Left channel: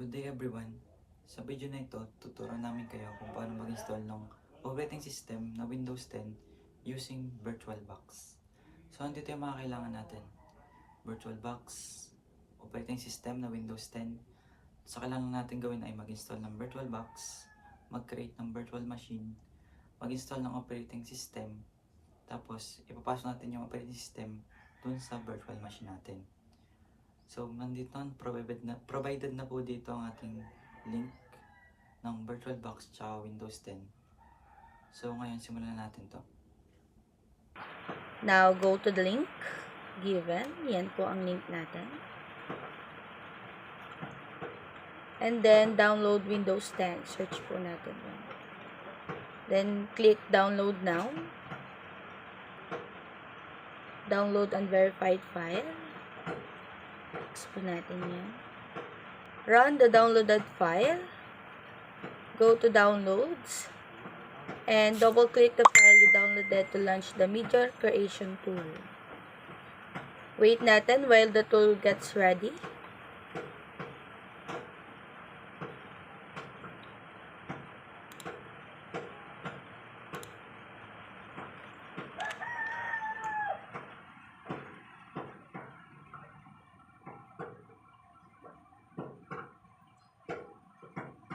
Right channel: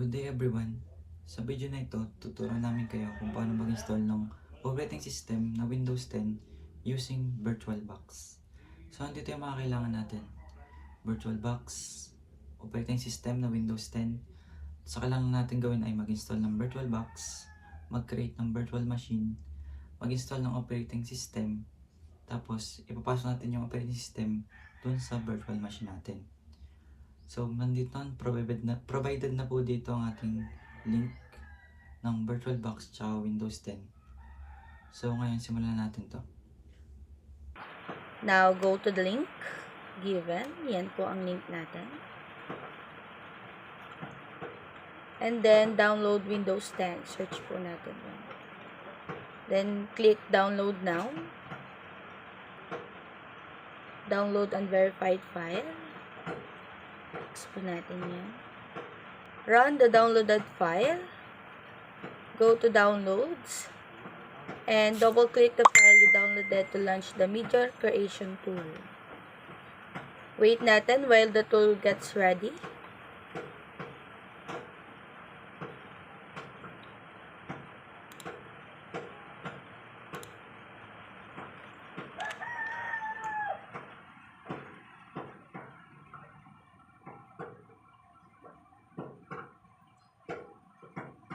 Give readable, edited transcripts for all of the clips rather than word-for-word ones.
Good day everyone! Sa video na ito, tuturuan namin kayo kung paano mag-install ng operating system na Windows 10 using VirtualBox. So, andito yung mga kailangan natin. VirtualBox, operating system na Windows 10. So, kailangan natin gawin ay mag-install ng VirtualBox, mag-create ng virtual machine, mag-install ng operating system, tapos ipapasok natin yung operating system dun sa virtual machine natin. So, nandito, provided na po dito ang ating link ng VirtualBox tsaka Windows 10. So, ngayon simulan natin to. Now, go to the link given. Yan po ang link natin. And then, download Windows 10. Search po natin yan. Then, click download now. Download unverified file. Export natin yan. Run the downloaded file. Go to downloads. And double click the file you downloaded to launch the media creation tool. Wait natin while the tool gets ready.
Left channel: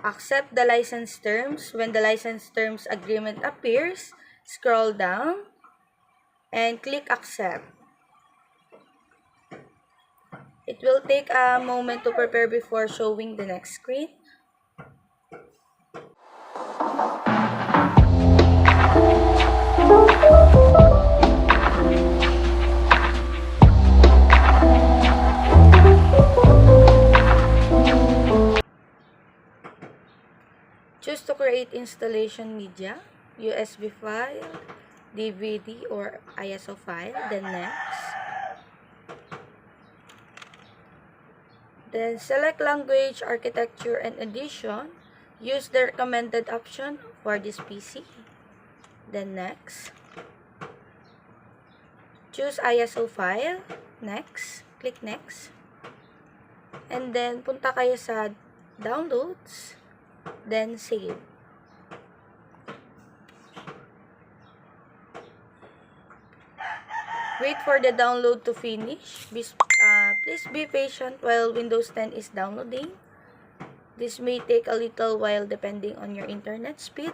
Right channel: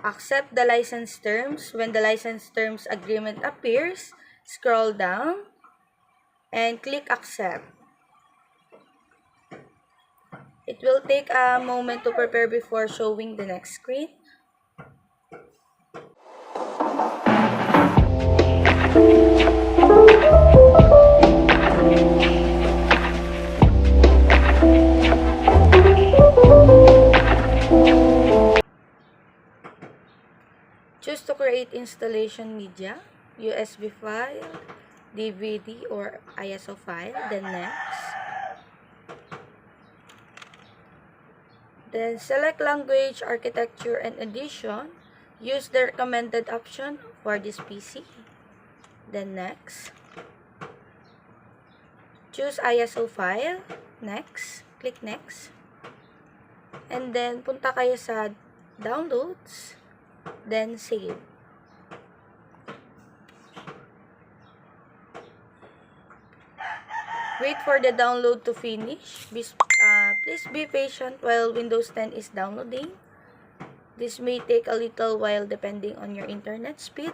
Accept the license terms. When the license terms agreement appears, scroll down and click accept. It will take a moment to prepare before showing the next screen. Choose to create installation media, USB file, DVD, or ISO file, then next. Then select language, architecture, and edition. Use the recommended option for this PC. Then next. Choose ISO file, next. Click next. And then punta kayo sa downloads. Then save. Wait for the download to finish. Please be patient while Windows 10 is downloading. This may take a little while depending on your internet speed.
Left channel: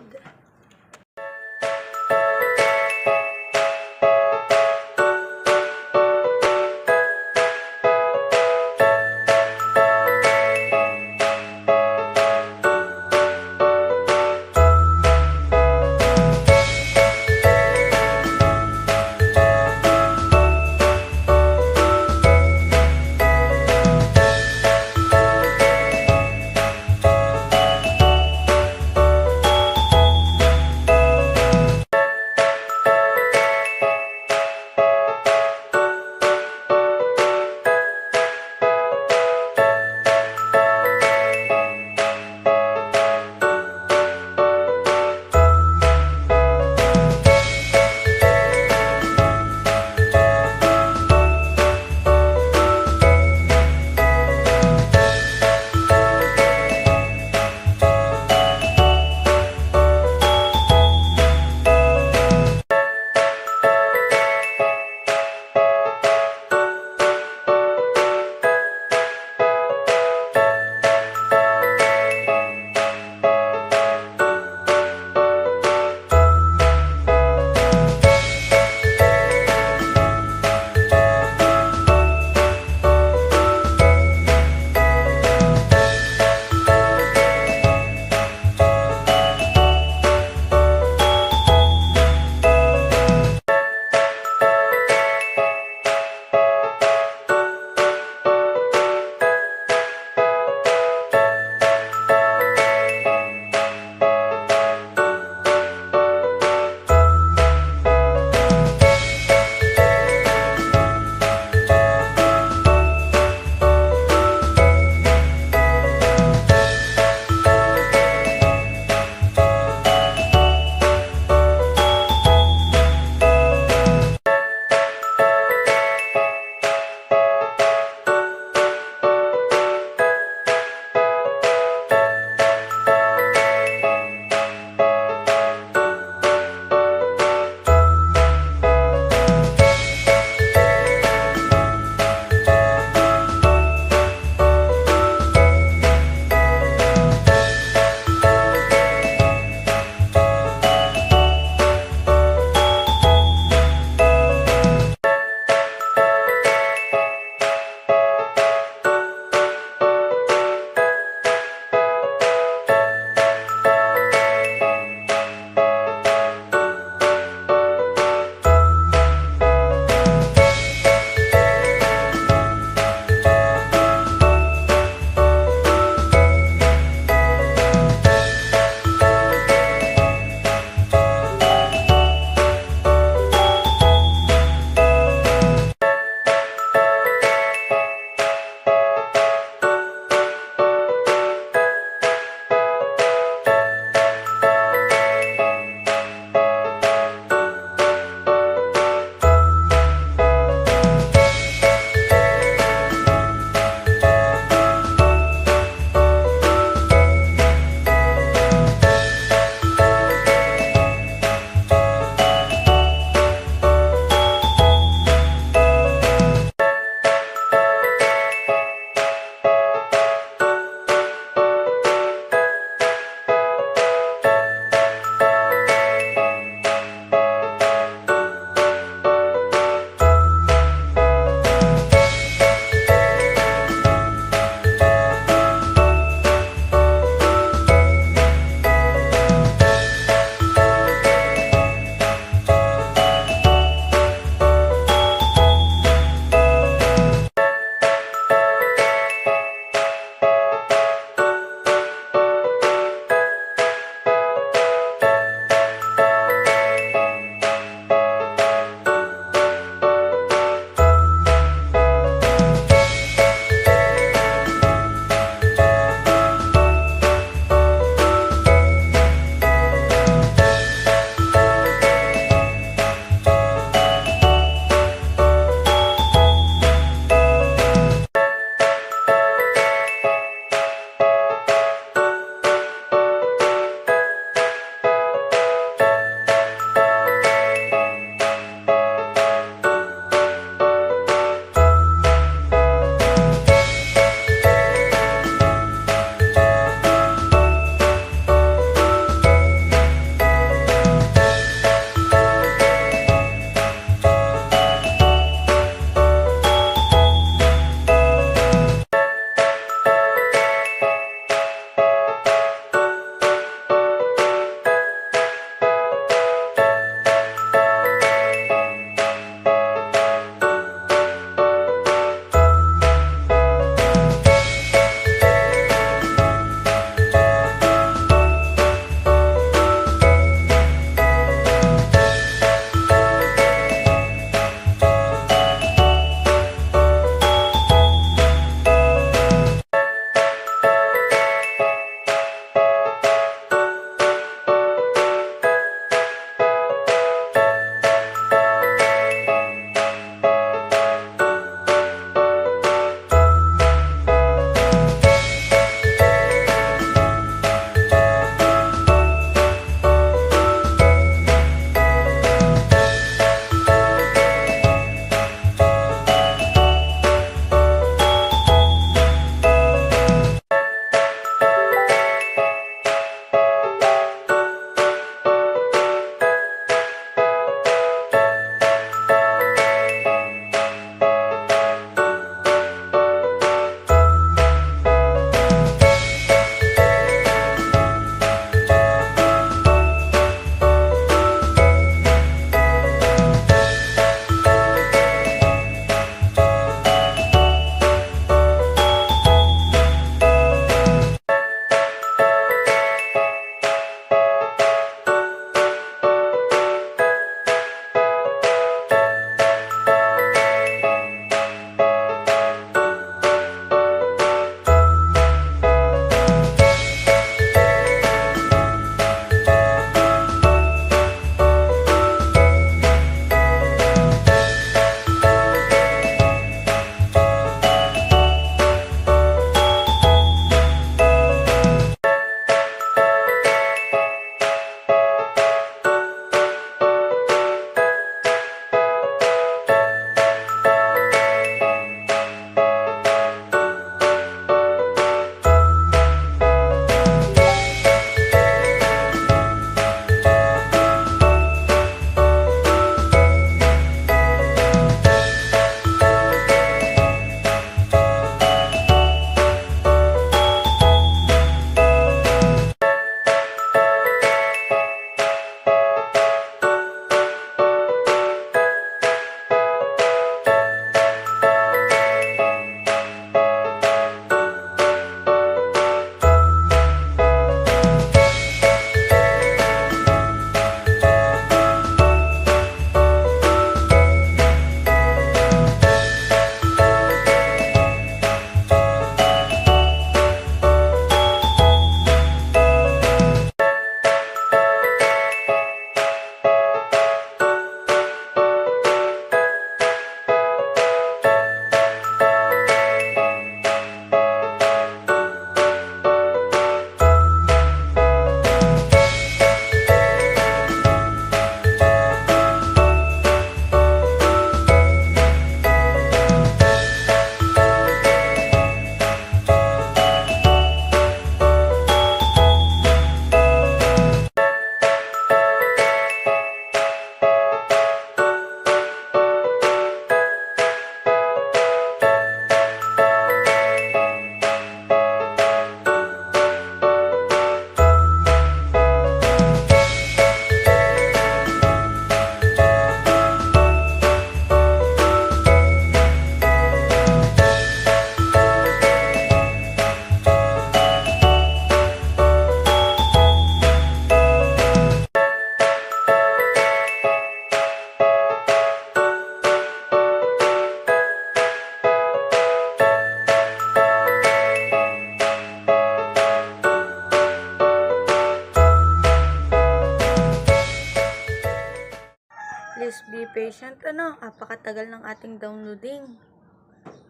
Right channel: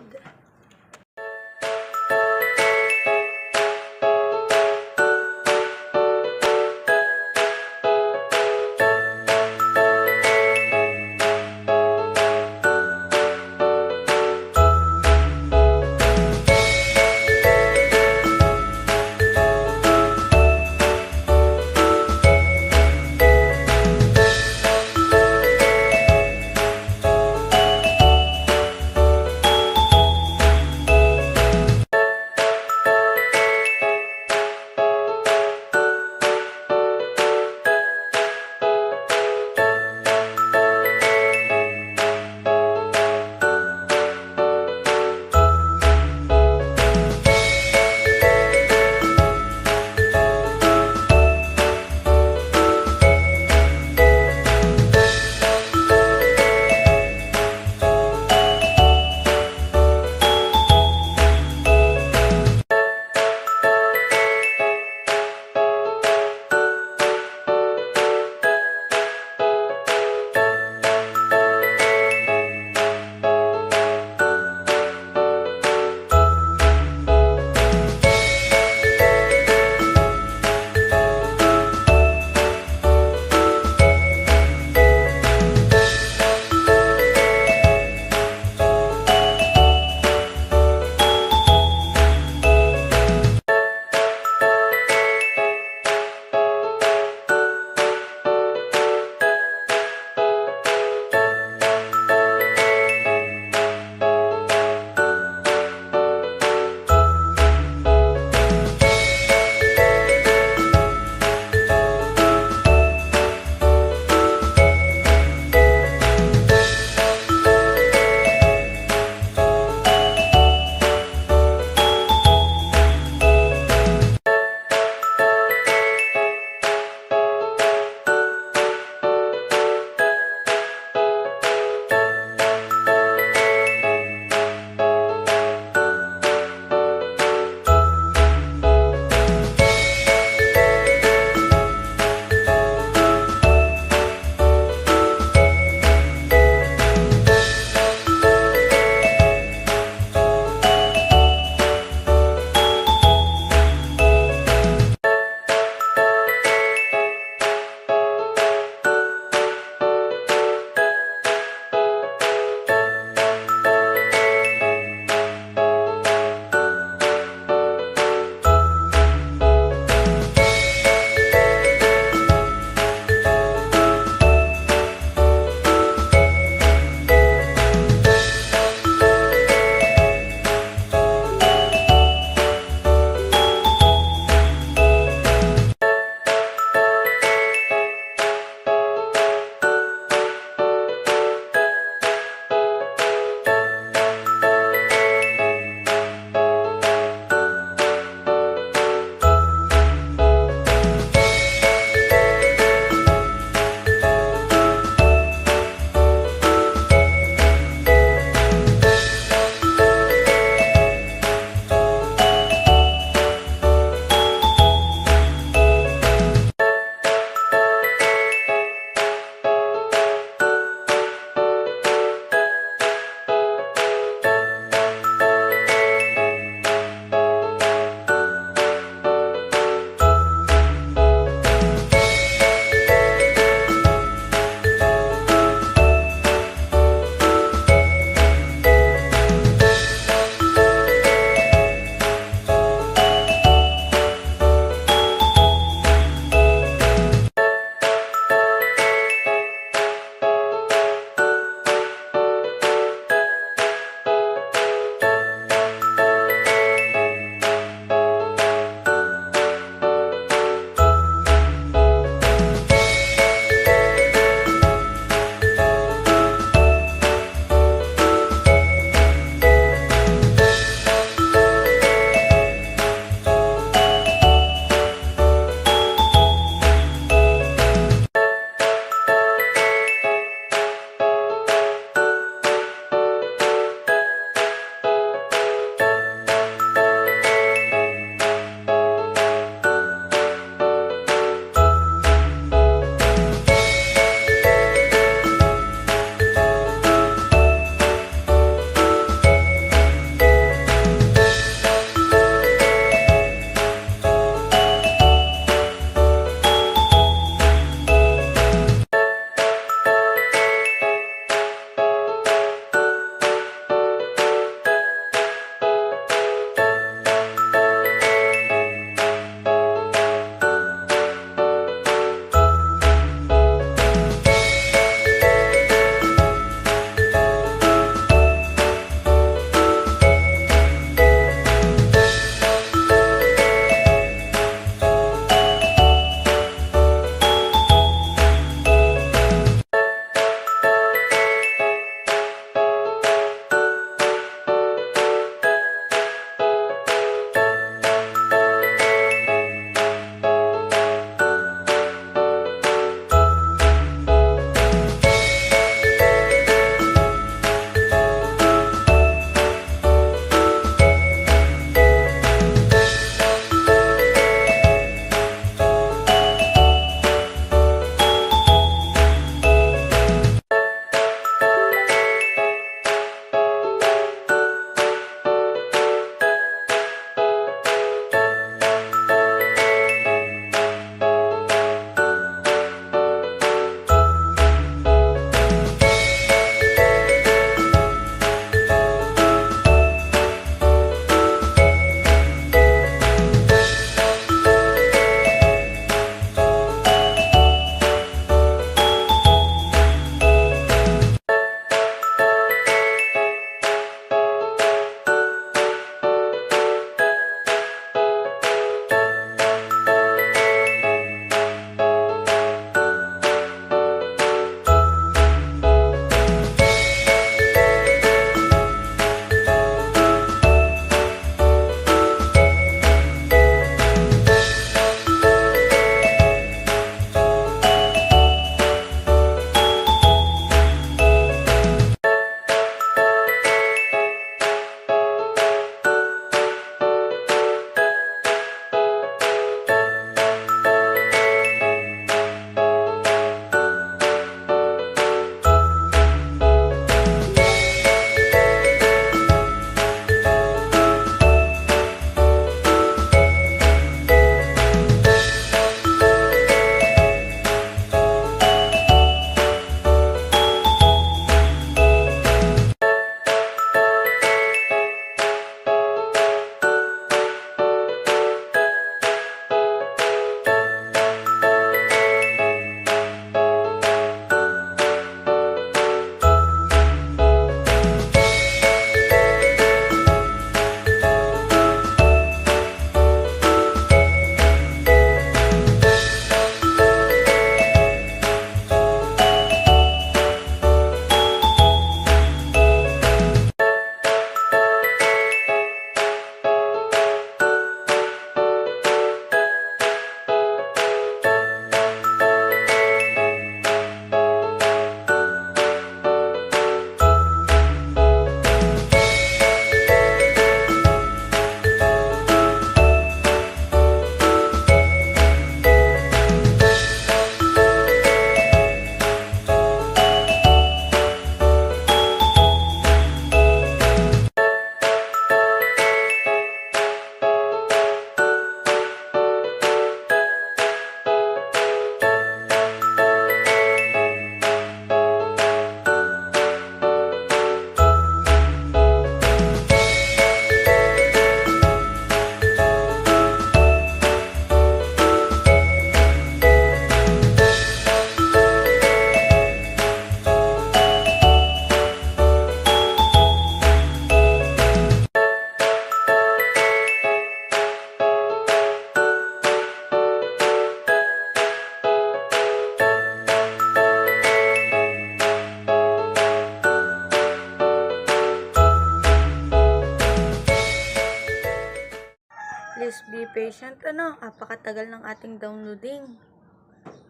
patient, apakatagal ng ating downloading.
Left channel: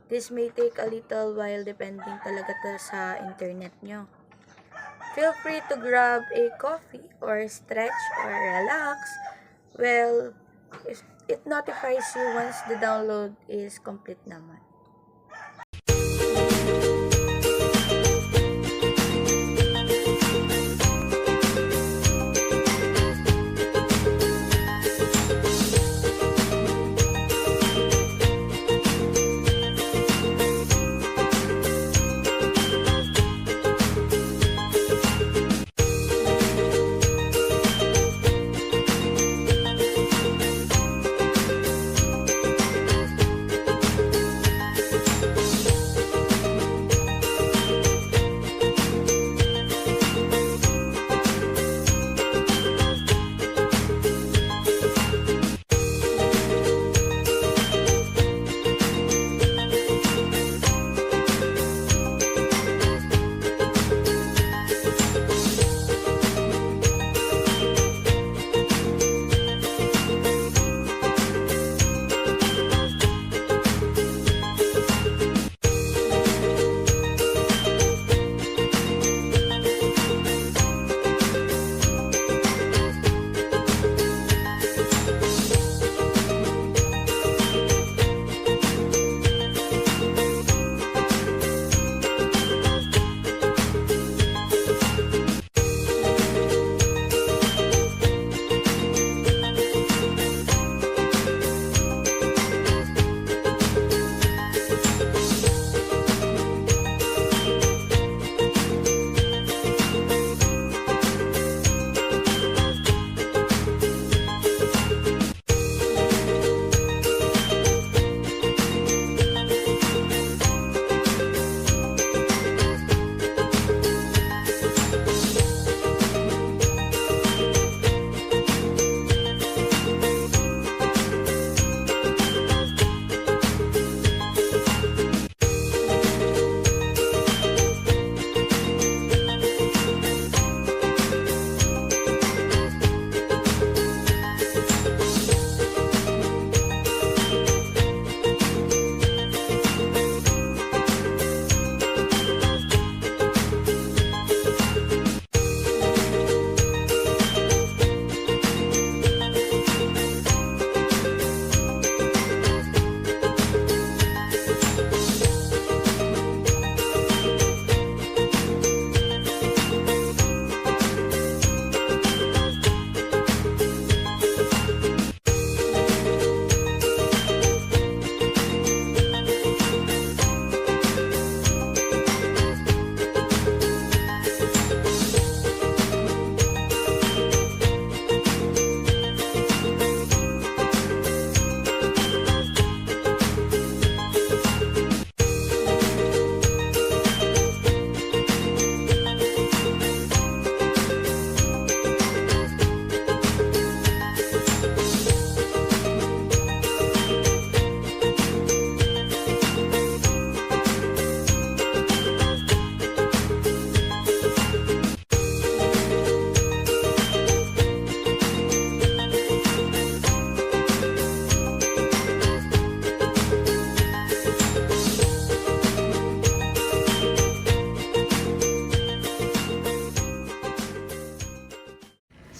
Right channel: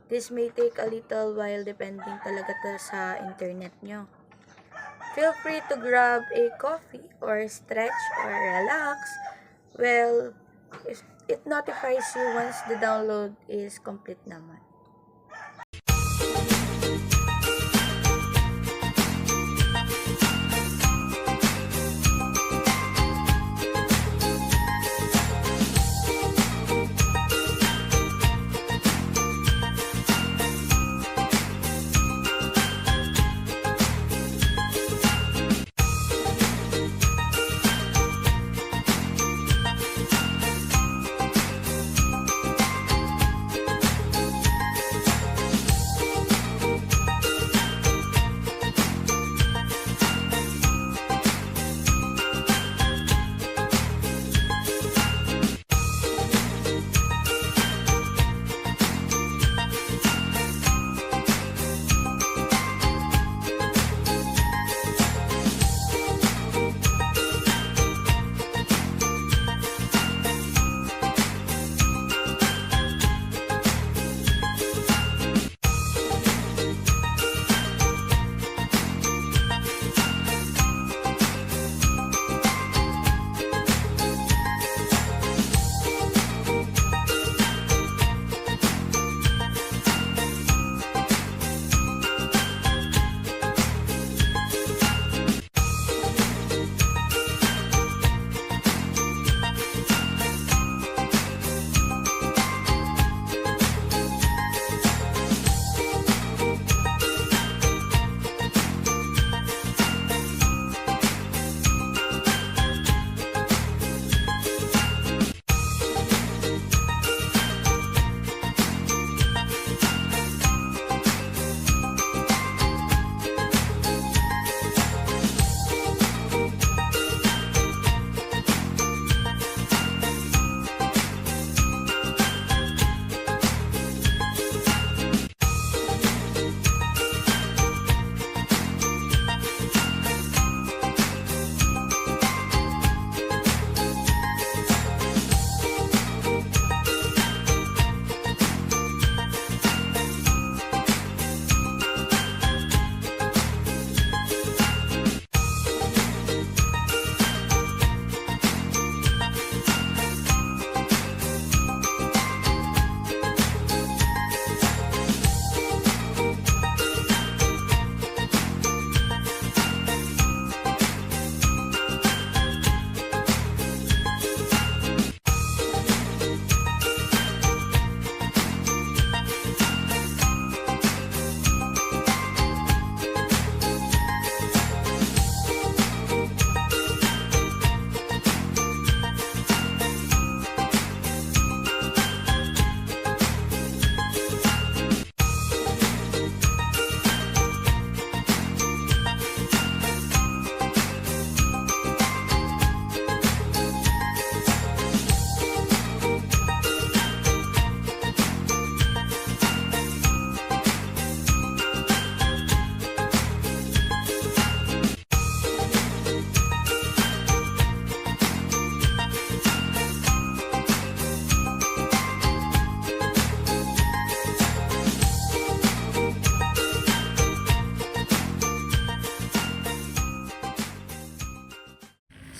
This may take a little while depending talaga sa internet nyo. Feel free to grab a coffee or stretch or relax. Well, it notifies you once the download is complete naman.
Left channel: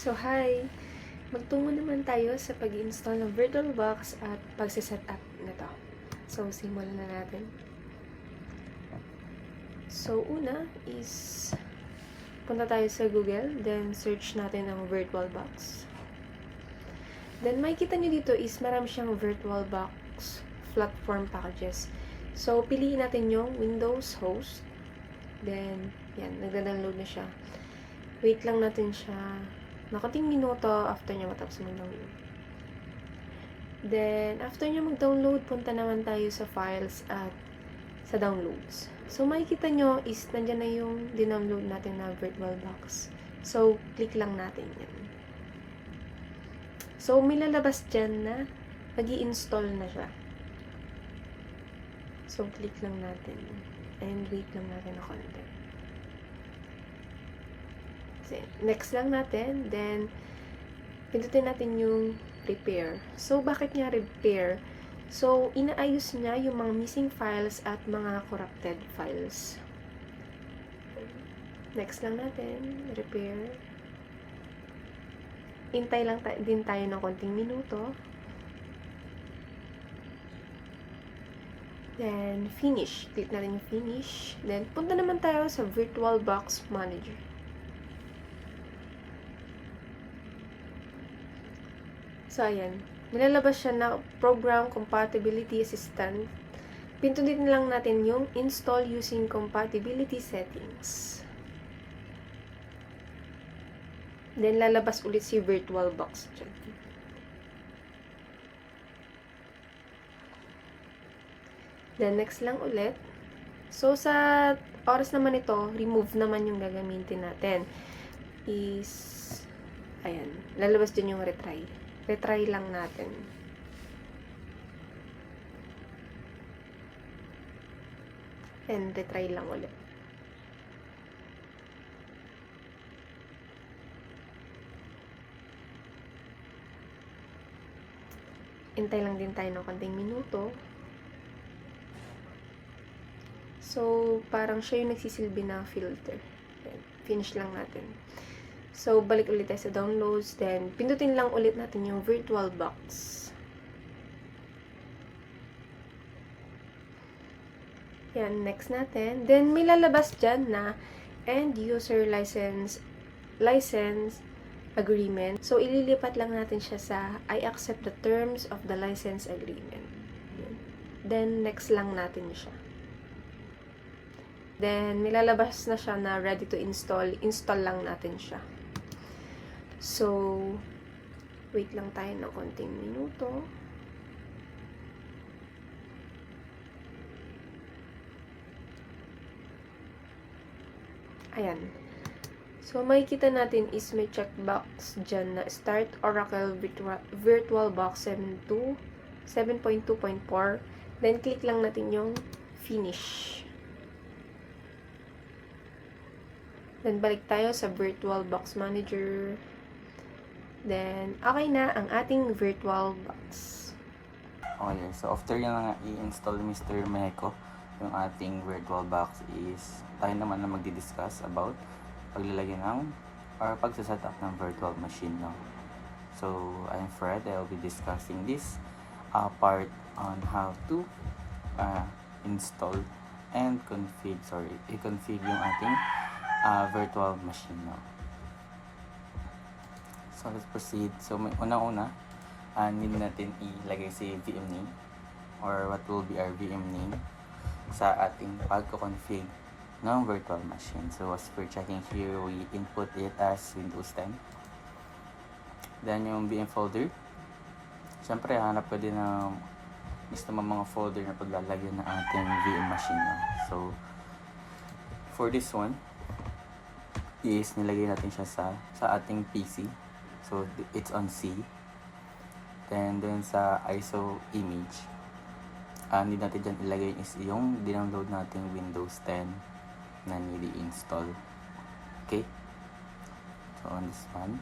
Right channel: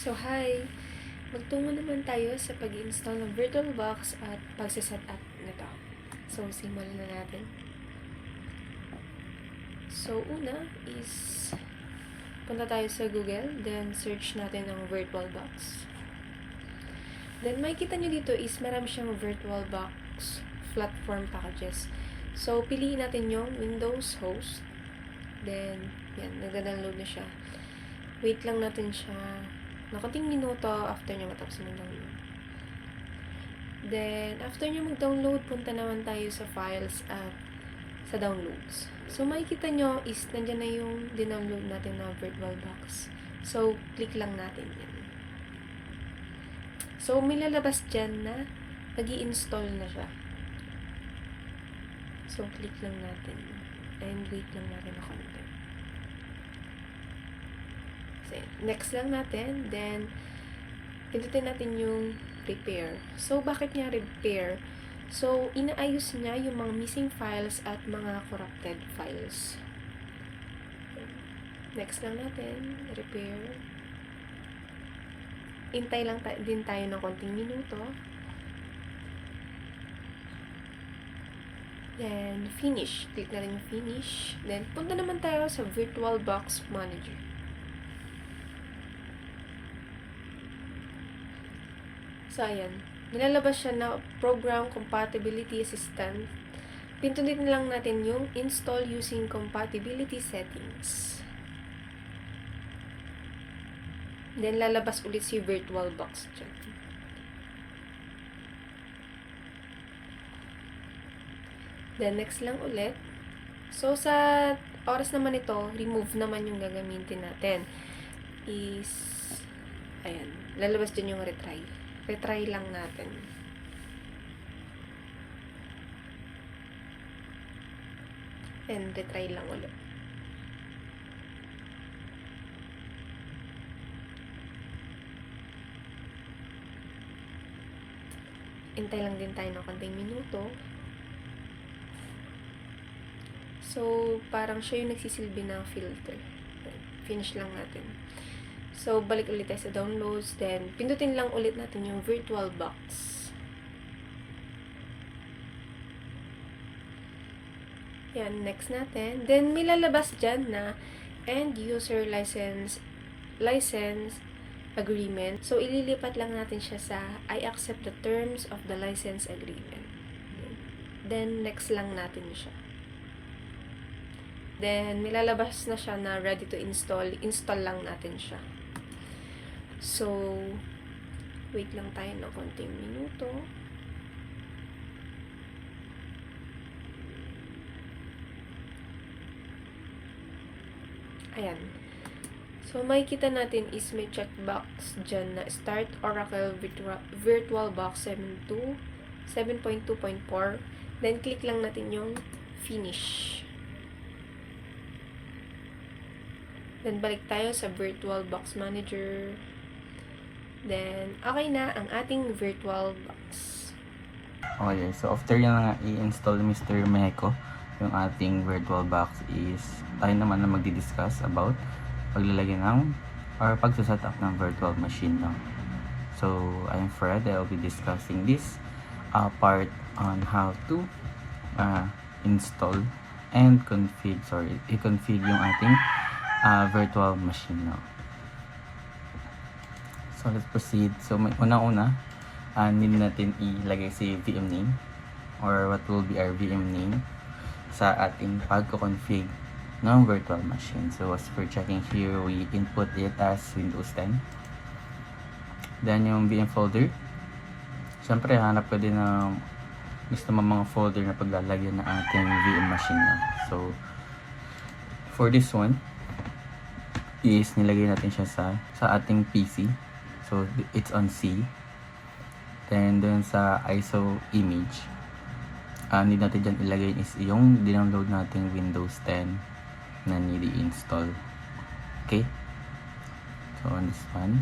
So, hi! Magtungo naman tayo sa pag-install ng VirtualBox at pagsiset up nito. So, simulan na natin. So, una is punta tayo sa Google, then search natin ang VirtualBox. Then, makikita nyo dito is marami siyang VirtualBox platform packages. So, piliin natin yung Windows host. Then, yan, nagda-download na siya. Wait lang natin siya nakating minuto after niya matapos mag-download. Then, after niya mag-download, punta naman tayo sa files at sa downloads. So, makikita nyo is nandyan na yung dinownload natin na VirtualBox. So, click lang natin yan. So, may lalabas dyan na mag-i-install na siya. So, click lang natin. And wait lang natin na konti. Next lang natin, then pindutin natin yung repair. So, bakit niya repair? So, inaayos niya yung mga missing files at mga corrupted files. Next lang natin, repair. Hintay lang din tayo ng konting minuto. Then, finish. Click natin yung finish. Then, punta naman tayo sa VirtualBox Manager. So, ayan. Nilalabas siya na Program Compatibility Assistant. Pindutin lang natin yung Install Using Compatibility Settings. Then, lalabas ulit si VirtualBox dyan. Then, next lang ulit. So, sa oras naman ito, remove naman yung gagamitin natin. Ayan, lalabas dyan yung retry. Retry lang natin. And retry lang ulit. Hintay lang din tayo ng konting minuto. So, parang siya yung nagsisilbi na filter. Finish lang natin. So, balik ulit tayo sa downloads. Then, pindutin lang ulit natin yung VirtualBox. Yan, next natin. Then, may lalabas dyan na End User License Agreement. So, ililipat lang natin siya sa I accept the terms of the license agreement. Then, next lang natin siya. Then, nilalabas na siya na ready to install. Install lang natin siya. So, wait lang tayo ng konting minuto. Ayan. So, makikita natin is may checkbox dyan na Start Oracle VirtualBox 7.2.4. Then, click lang natin yung Finish. Then, balik tayo sa VirtualBox Manager. Then, okay na ang ating VirtualBox. Okay, so after yan nga i-install ni Mr. Meco, yung ating VirtualBox is tayo naman na magdi-discuss about paglalagay ng or pagsaset up ng virtual machine. No? So, I'm Fred. I'll be discussing this part on how to install and i-config yung ating virtual machine. No? So, let's proceed. So, may unang-una, need natin ilagay si VM name or what will be our VM name sa ating pagko-config ng virtual machine. So, as for checking here, we input it as Windows 10. Then, yung VM folder. Siyempre, hanap ko din ng gusto mo mga folder na paglalagyan ng ating VM machine. No? So, for this one, is nilagay natin siya sa ating PC. So, it's on C. Then, dun sa ISO image, need natin dyan ilagay is yung dinownload nating Windows 10 na nili-install. Okay? So, on this one.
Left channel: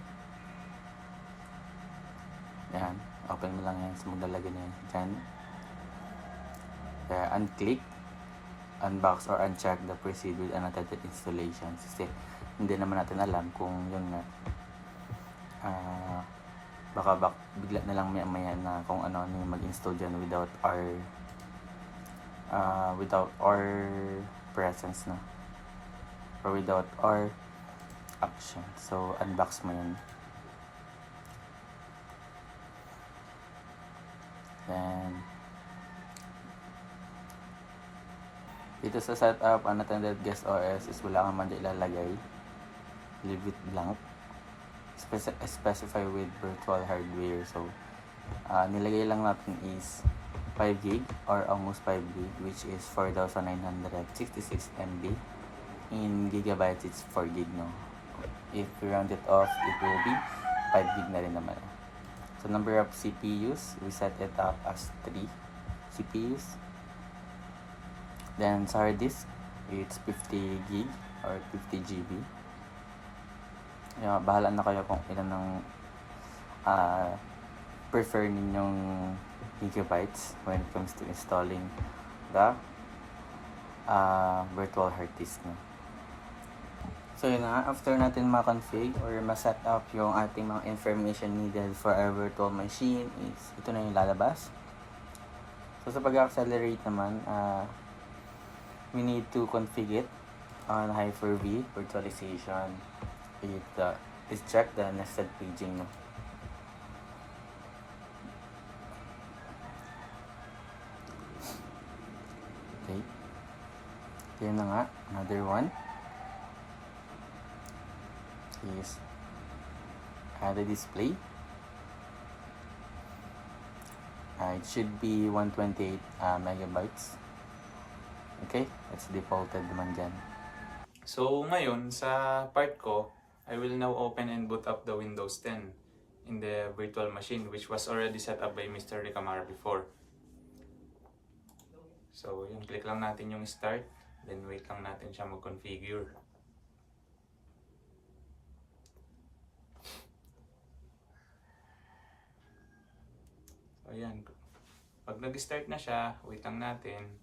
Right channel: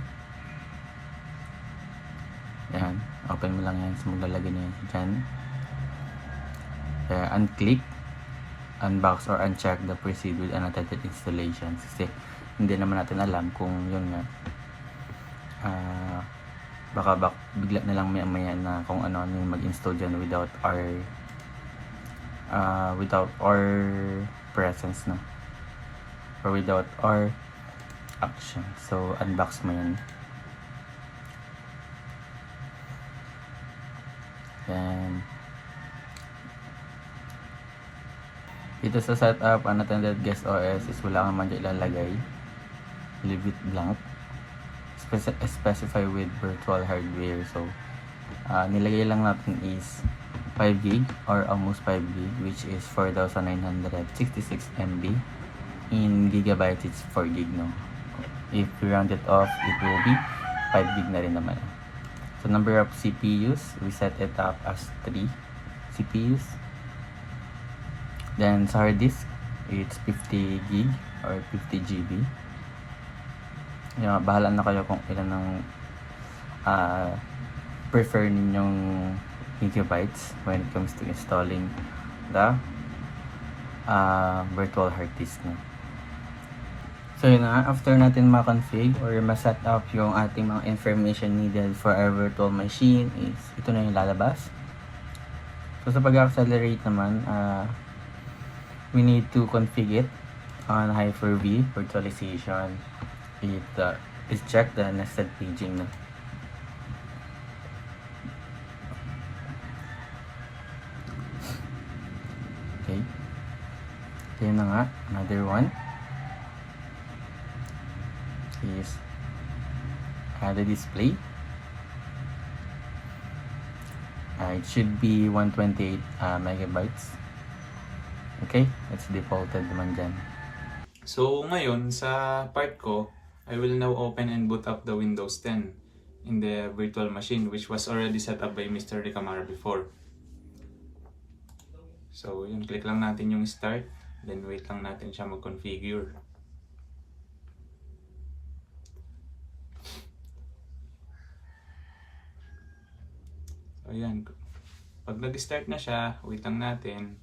Yan. Open mo lang yan. So, maglalagay na yan dyan. Kaya, unclick, unbox, or uncheck the proceed with unattended installations. Kasi, hindi naman natin alam kung yun nga baka bigla na lang maya na kung ano yung mag-install dyan without our presence na or without our action. So, unbox mo yun. Then, dito sa setup, unattended guest OS is wala kang man dyan ilalagay. Leave it blank. Specify with virtual hardware. So, nilagay lang natin is 5 gig or almost 5 gig, which is 4,966 MB. In gigabytes, it's 4 gig, no? If we round it off, it will be 5 gig na rin naman. So, number of CPUs, we set it up as 3 CPUs. Then, sa hard disk, it's 50 gig or 50 GB. Bahala na kayo kung ilan ng prefer ninyong gigabytes when it comes to installing the virtual hard disk nyo. So yun na, after natin ma-config or ma-set up yung ating mga information needed for our virtual machine is ito na yung lalabas. So sa pag-accelerate naman, we need to config it on Hyper-V virtualization. Is check the nested paging na. Okay. Yun na nga, another one is the display. It should be 128 megabytes. Okay, it's defaulted naman dyan. So ngayon sa part ko, I will now open and boot up the Windows 10 in the virtual machine which was already set up by Mr. Ricamara before. So yun, click lang natin yung start, then wait lang natin siya mag-configure. So ayan, pag nag-start na siya, wait lang natin.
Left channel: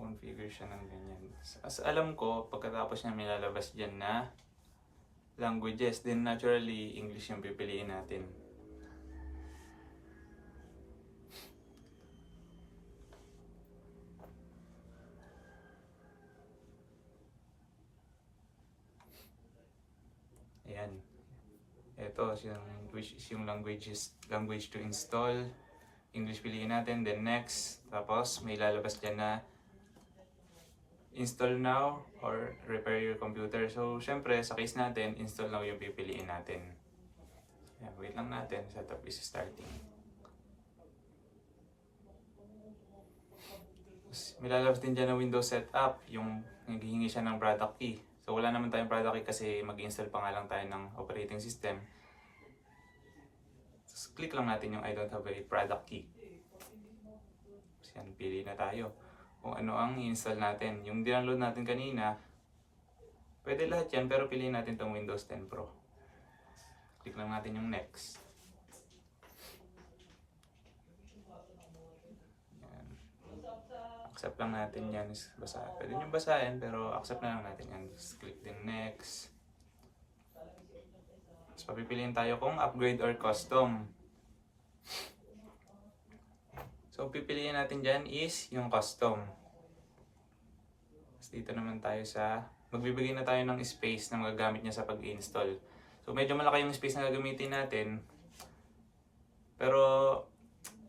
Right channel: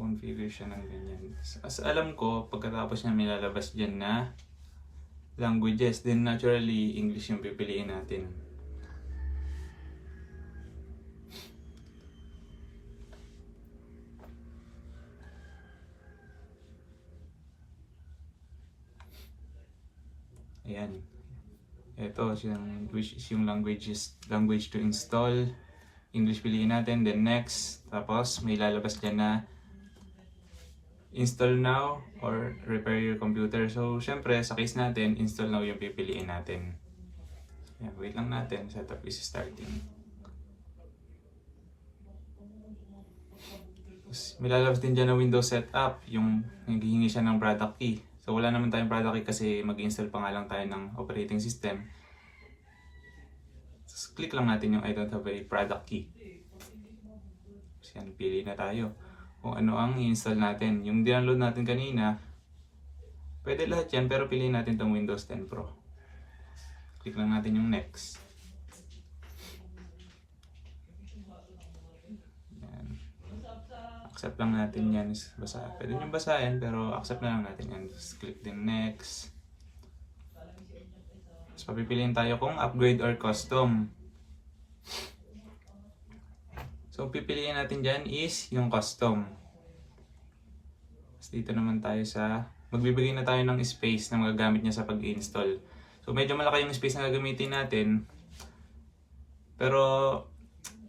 Configure siya ng ganyan. As alam ko, pagkatapos niya may lalabas dyan na languages, then naturally English yung pipiliin natin. Ayan. Ito yung language to install. English piliin natin, then next. Tapos may lalabas dyan na install now or repair your computer. So, syempre, sa case natin, install now yung pipiliin natin. Ayan, wait lang natin. Setup is starting. Tapos, may lalabas din dyan na Windows setup. Yung naghihingi siya ng product key. So, wala naman tayong product key kasi mag-install pa nga lang tayo ng operating system. So, click lang natin yung I don't have a product key. So, yan, pili na tayo kung ano ang i-install natin. Yung download natin kanina, pwede lahat yan, pero piliin natin itong Windows 10 Pro. Click lang natin yung next. Yan. Accept lang natin yan. Pwede nyo basahin, pero accept na lang natin yan. Just click din next. Tapos papipiliin tayo kung upgrade or custom. So, pipiliin natin dyan is yung custom. Tapos dito naman tayo sa, magbibigay na tayo ng space na magagamit niya sa pag-install. So, medyo malaki yung space na gagamitin natin. Pero,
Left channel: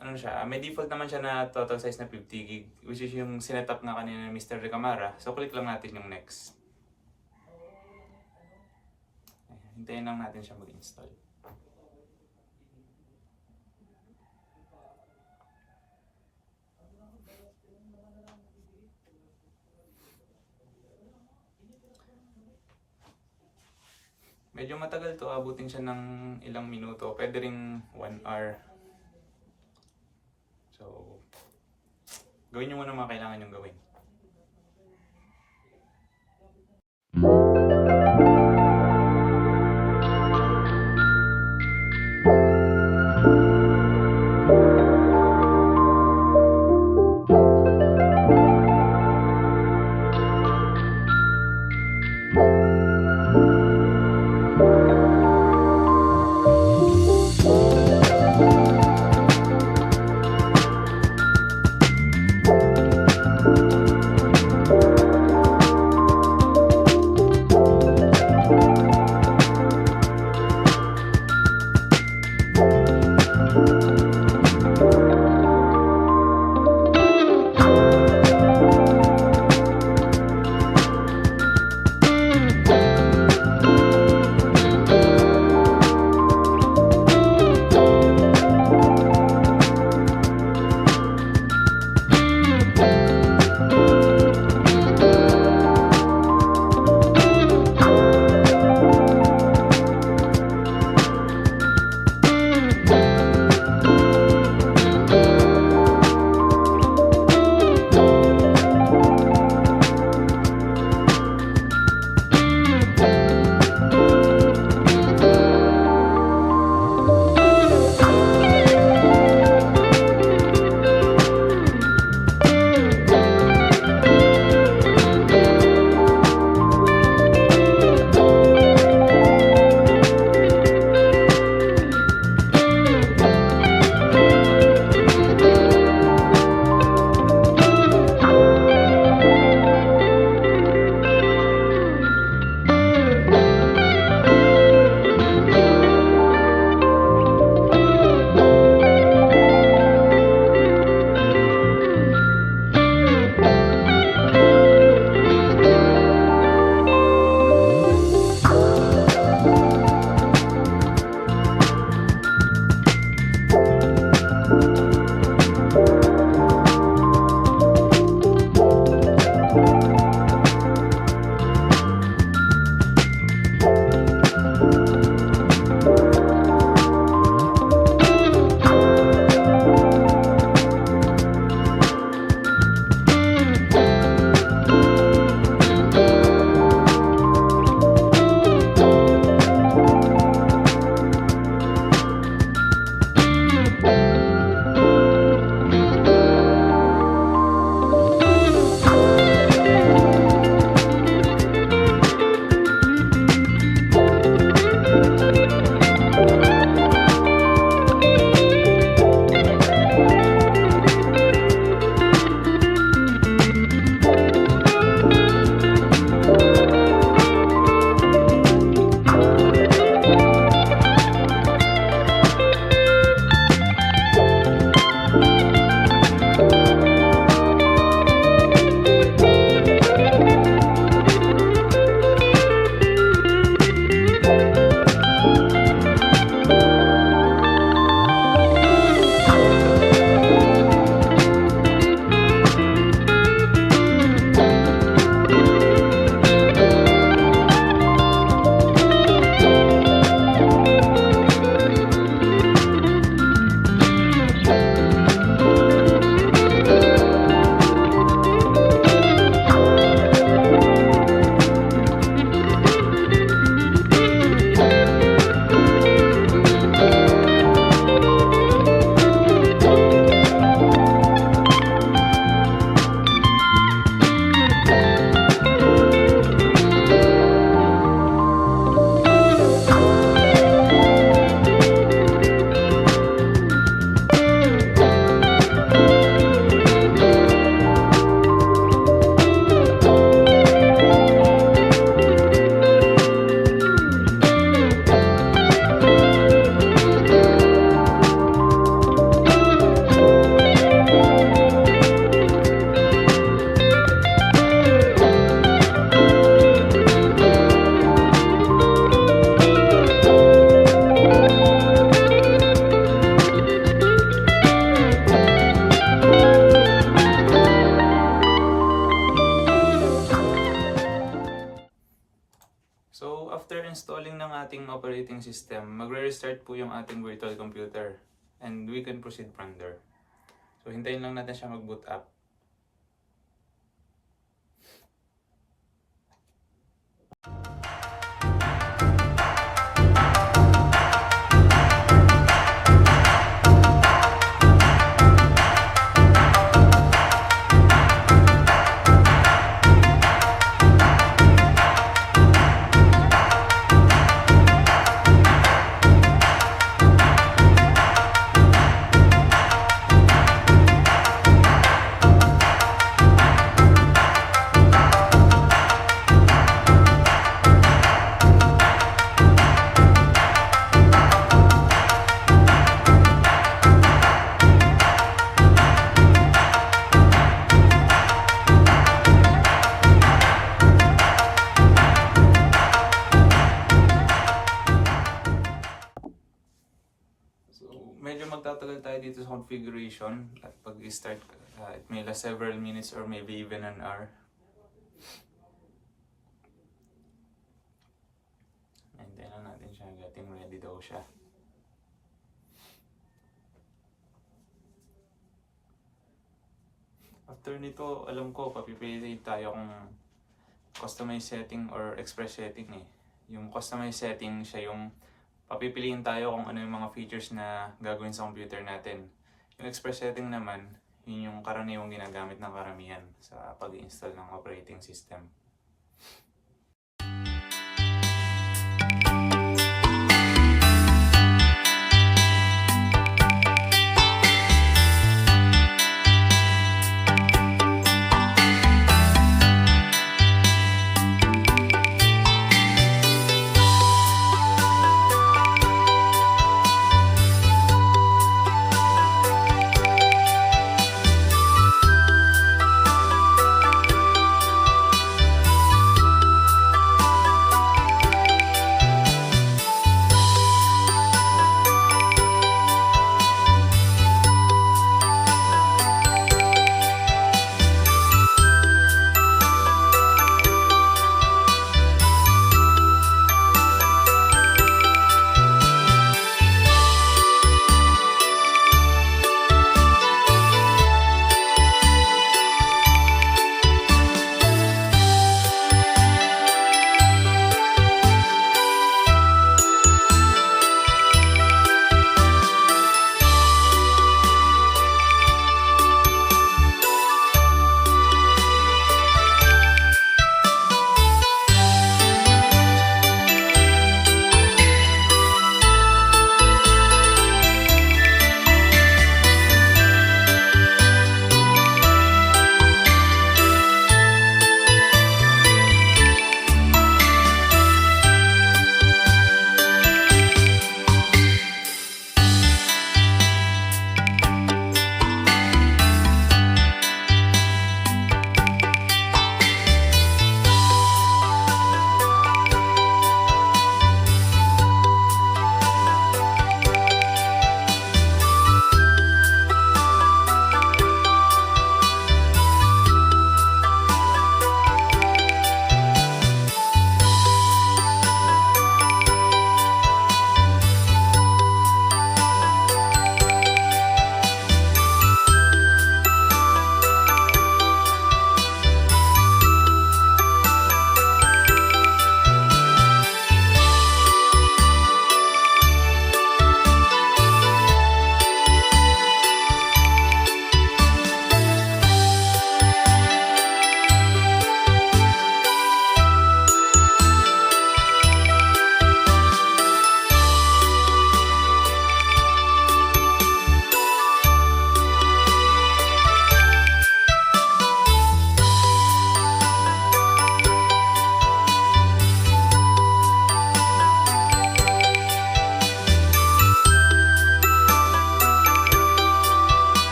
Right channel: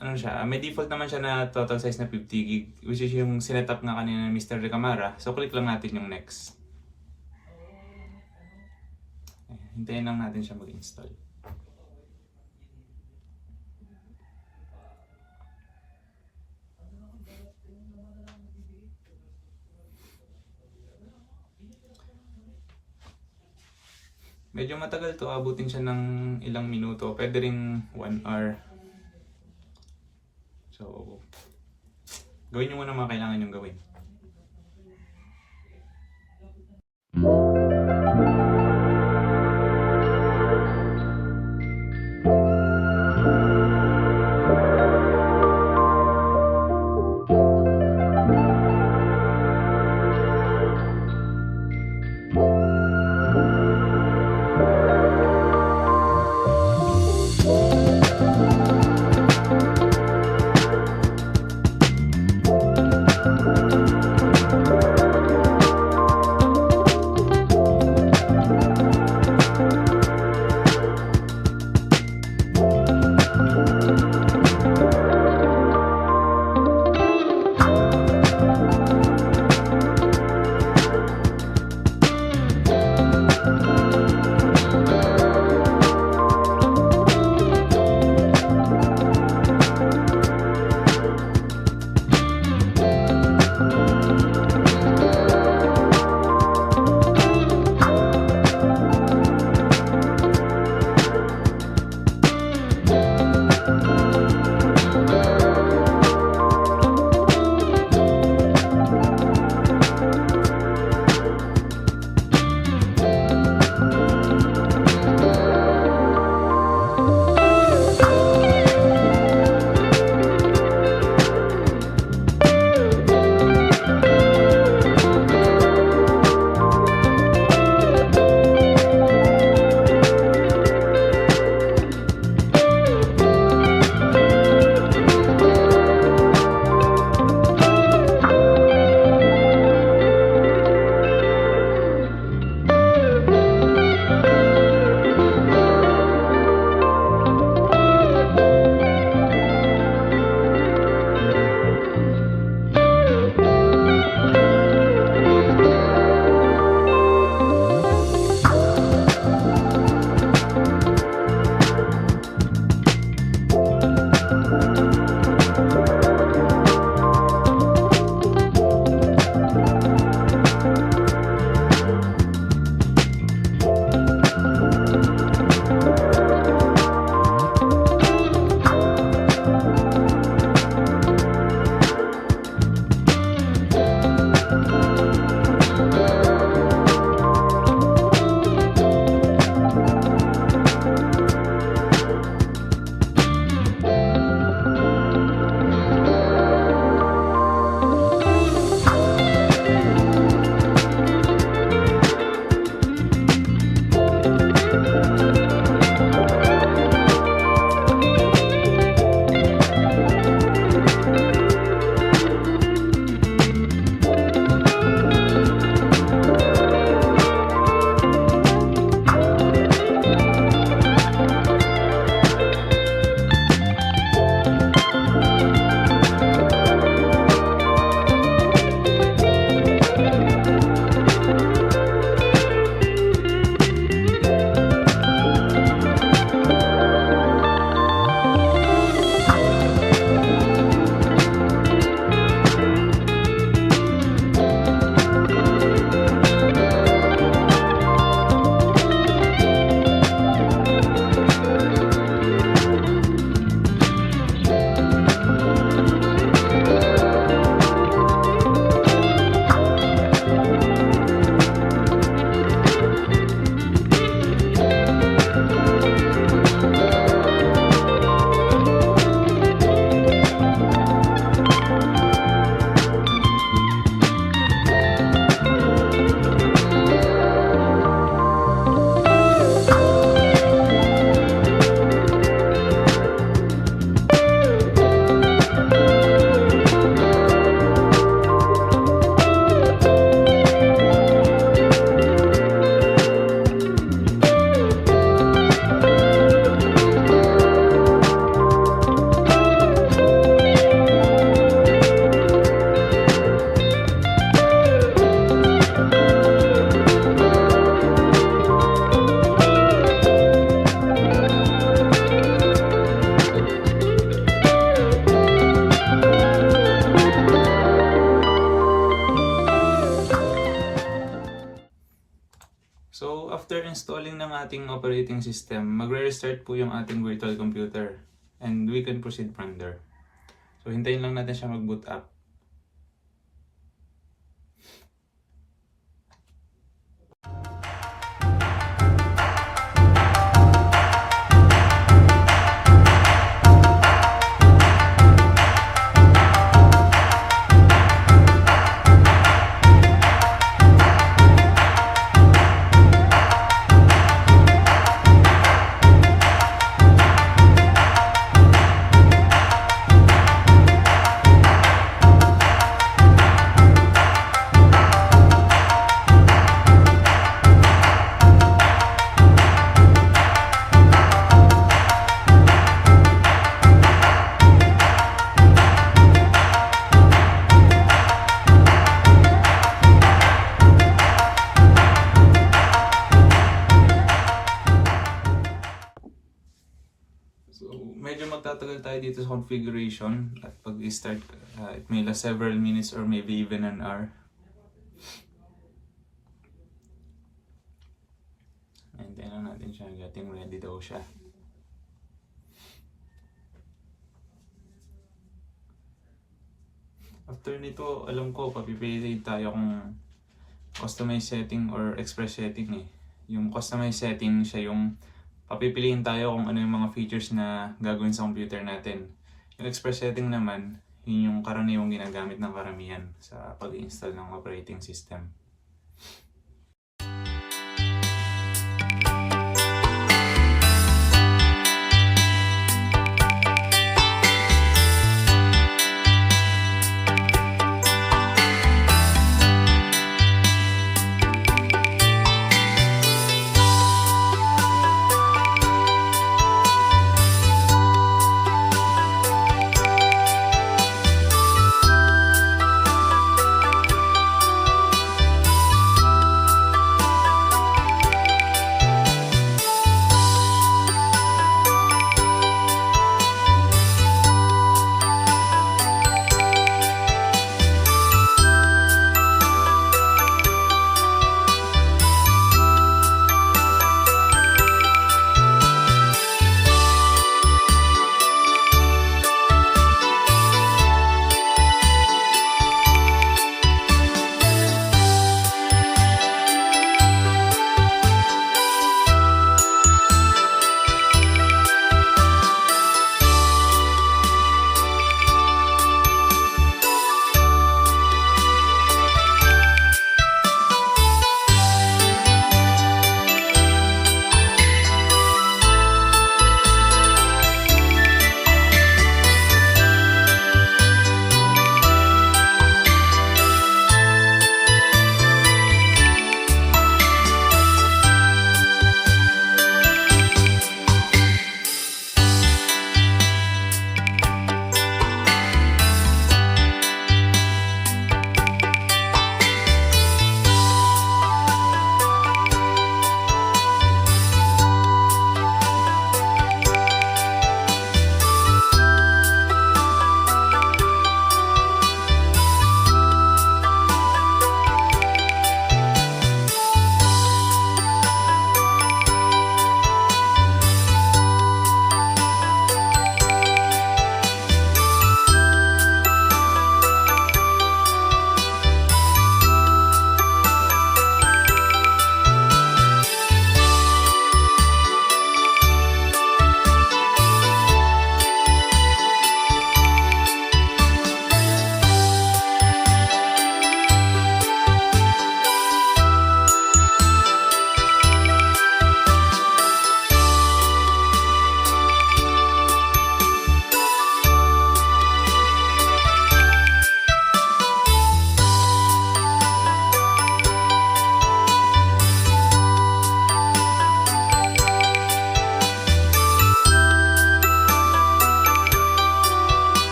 ano siya, may default naman siya na total size na 50 gig, which is yung sinetup nga kanina ni Mr. Ricamara. So, click lang natin yung next. Hintayin lang natin siya mag-install. Medyo matagal to, abutin siya ng ilang minuto. Pwede ring 1 hour. So, gawin nyo muna mga kailangan nyong gawin. system, magre-restart po yung ating virtual computer. And we can proceed from there. So, hintayin lang natin siya mag-boot up. So, medyo magtatagal tayo dito sa configuration at pag-start, it may last several minutes or maybe even an hour. Hintayin lang natin siya, getting ready daw siya. After nito, alam ko, papipili tayo kung customize setting or express setting eh. Yung customize setting, siya yung papipiliin tayo kung ano yung mga features na gagawin sa computer natin. Yung express setting naman, yun yung karaniwang ginagamit ng karamihan sa pag-install ng operating system.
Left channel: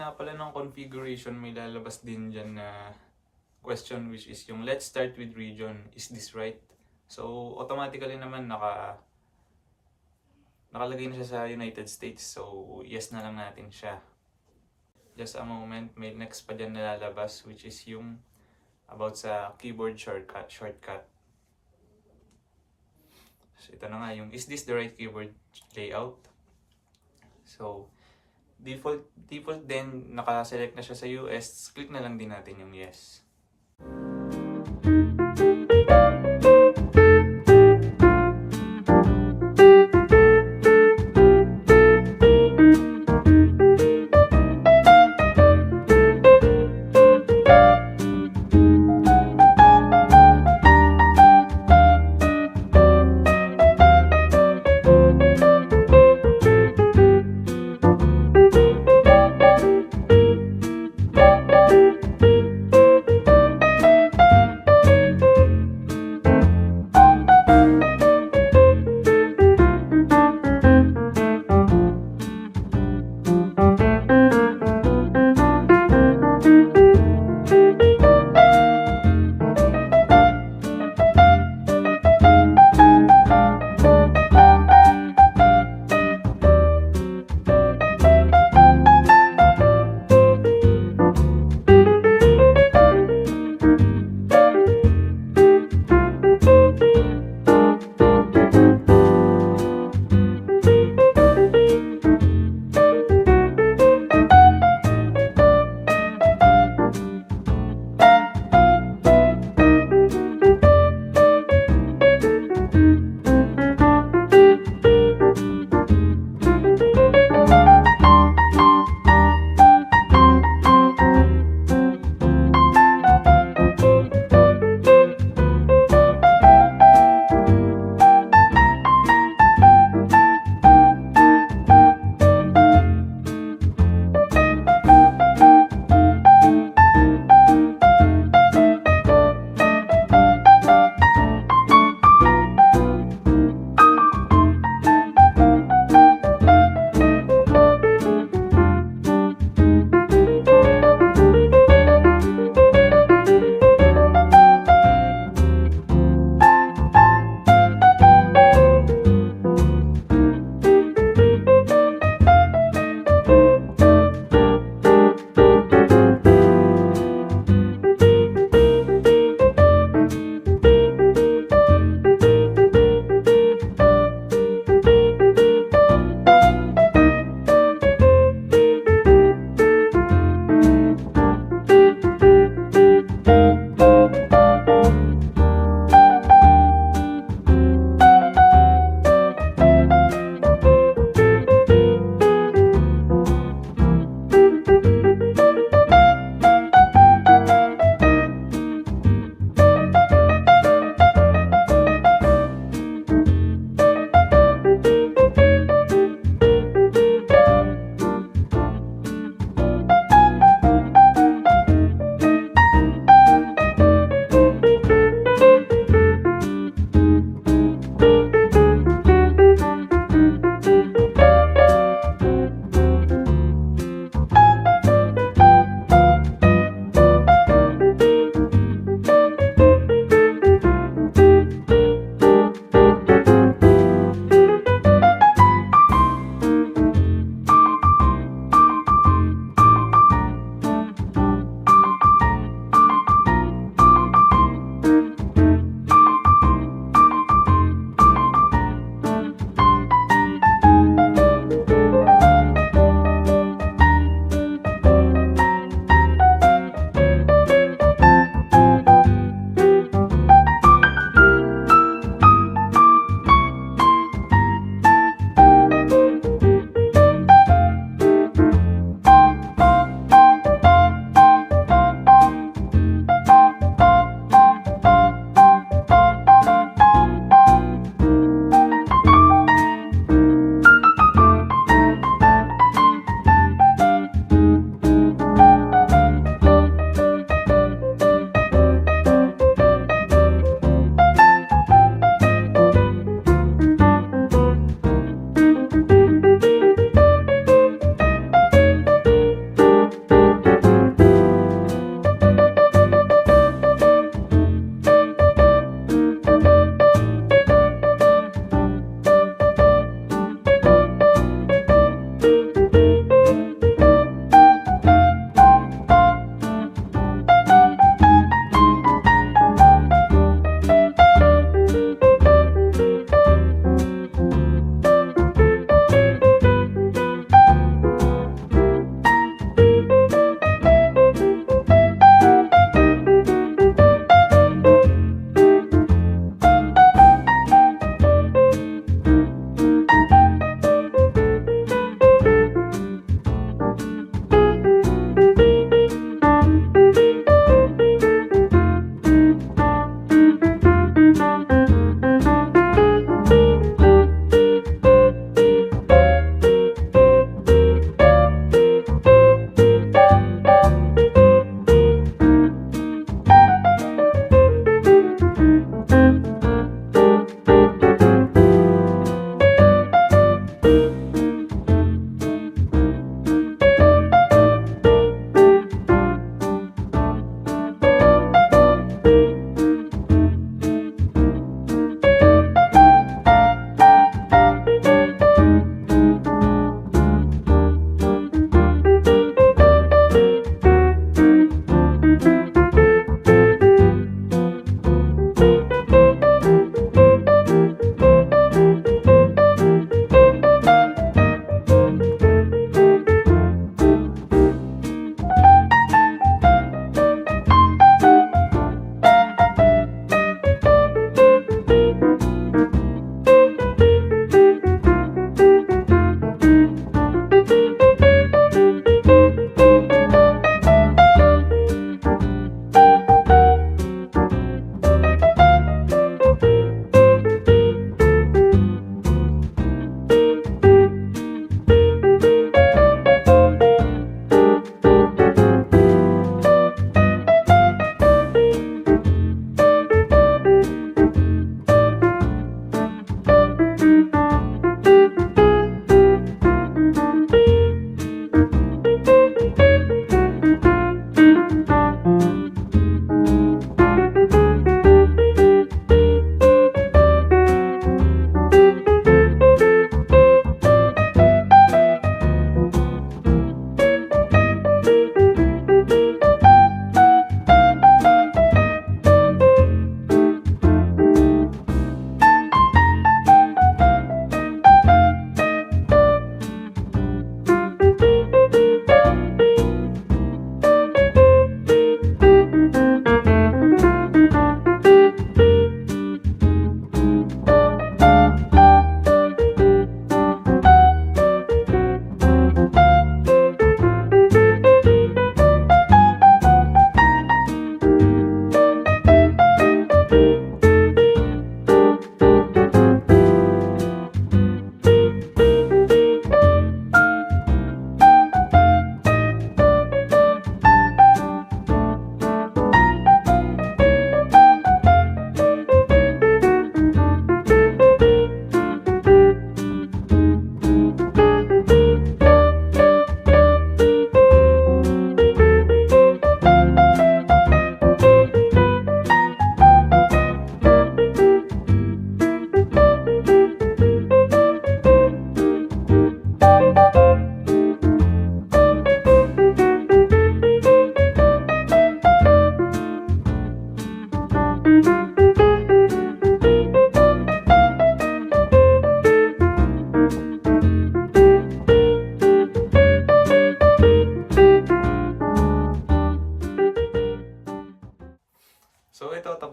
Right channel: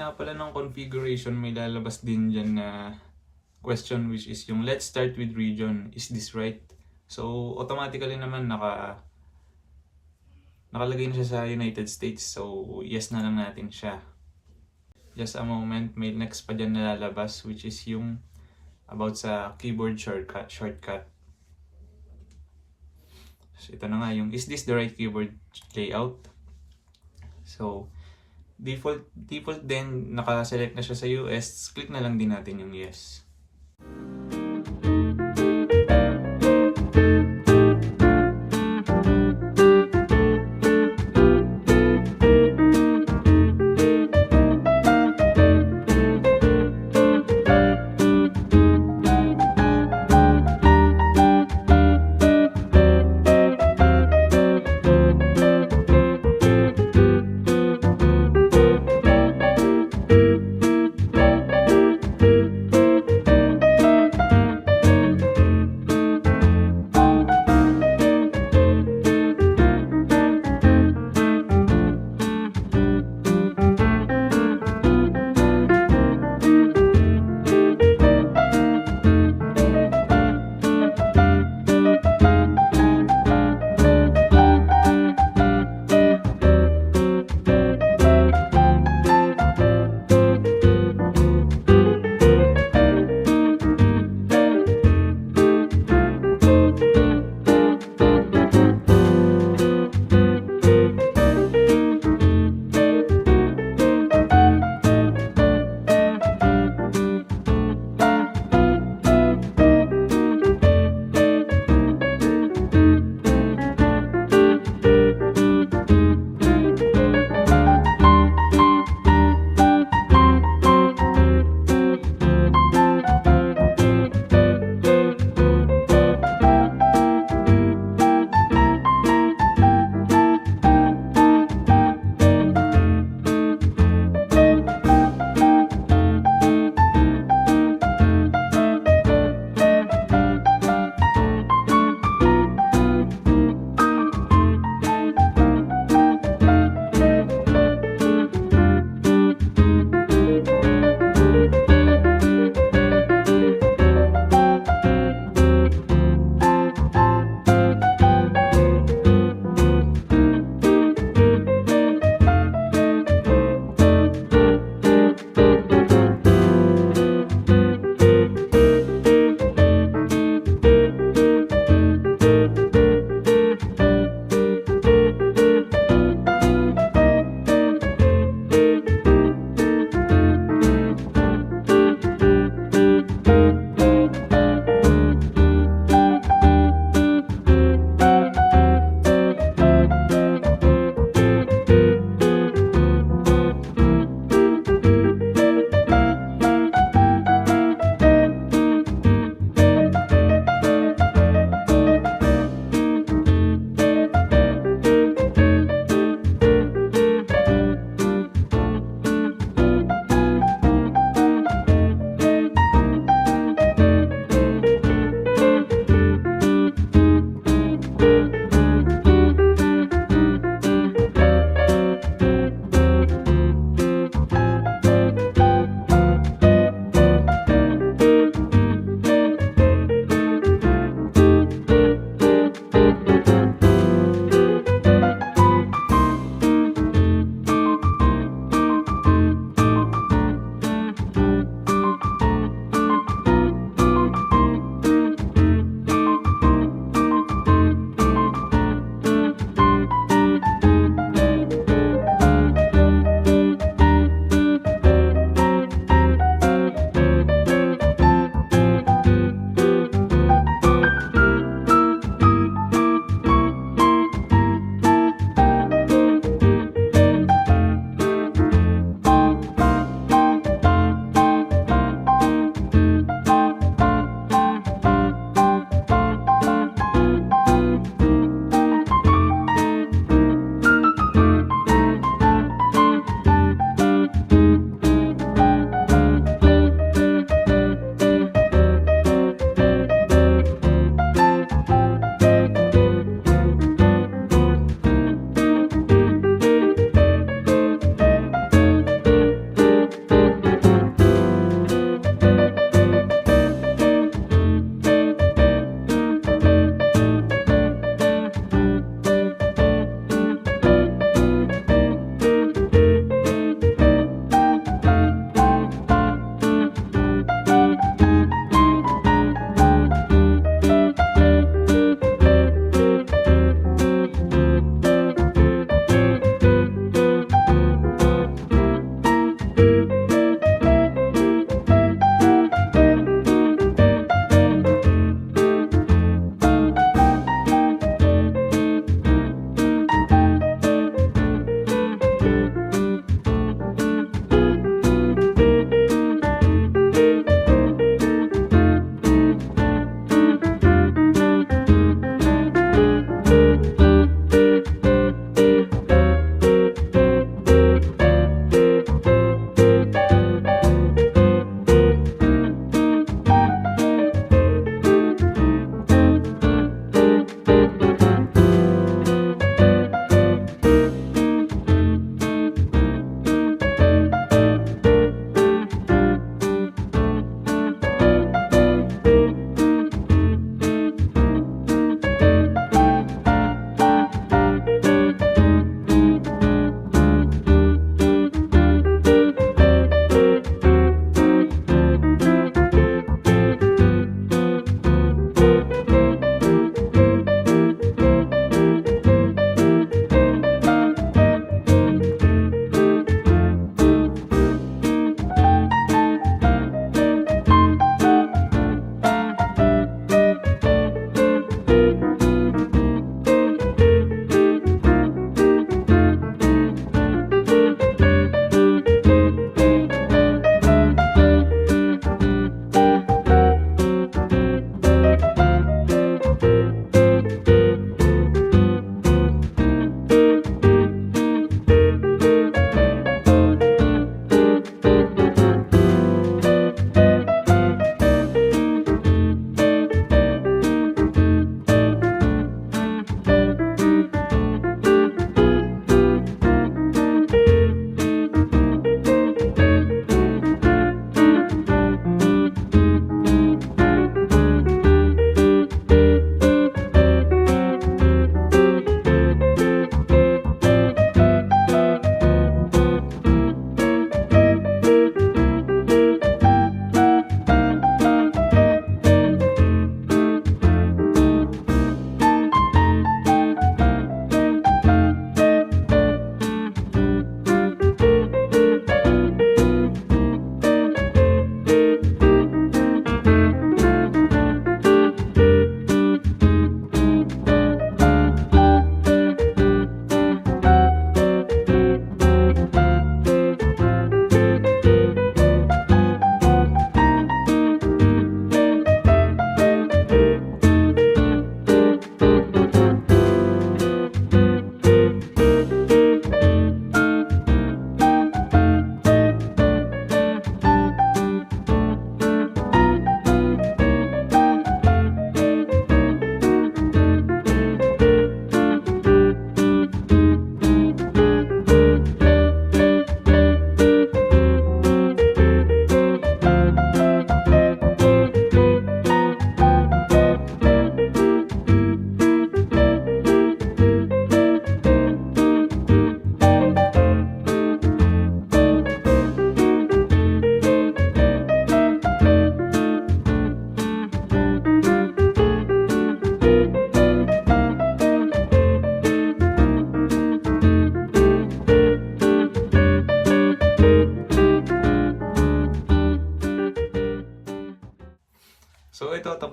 gitna pala ng configuration, may lalabas din dyan na question, which is yung let's start with region. Is this right? So, automatically naman nakalagay na siya sa United States. So, yes na lang natin siya. Just a moment, may next pa dyan na lalabas, which is yung about sa keyboard shortcut. So, ito na nga yung, is this the right keyboard layout? So, default din, naka-select na siya sa US. Click na lang din natin yung yes.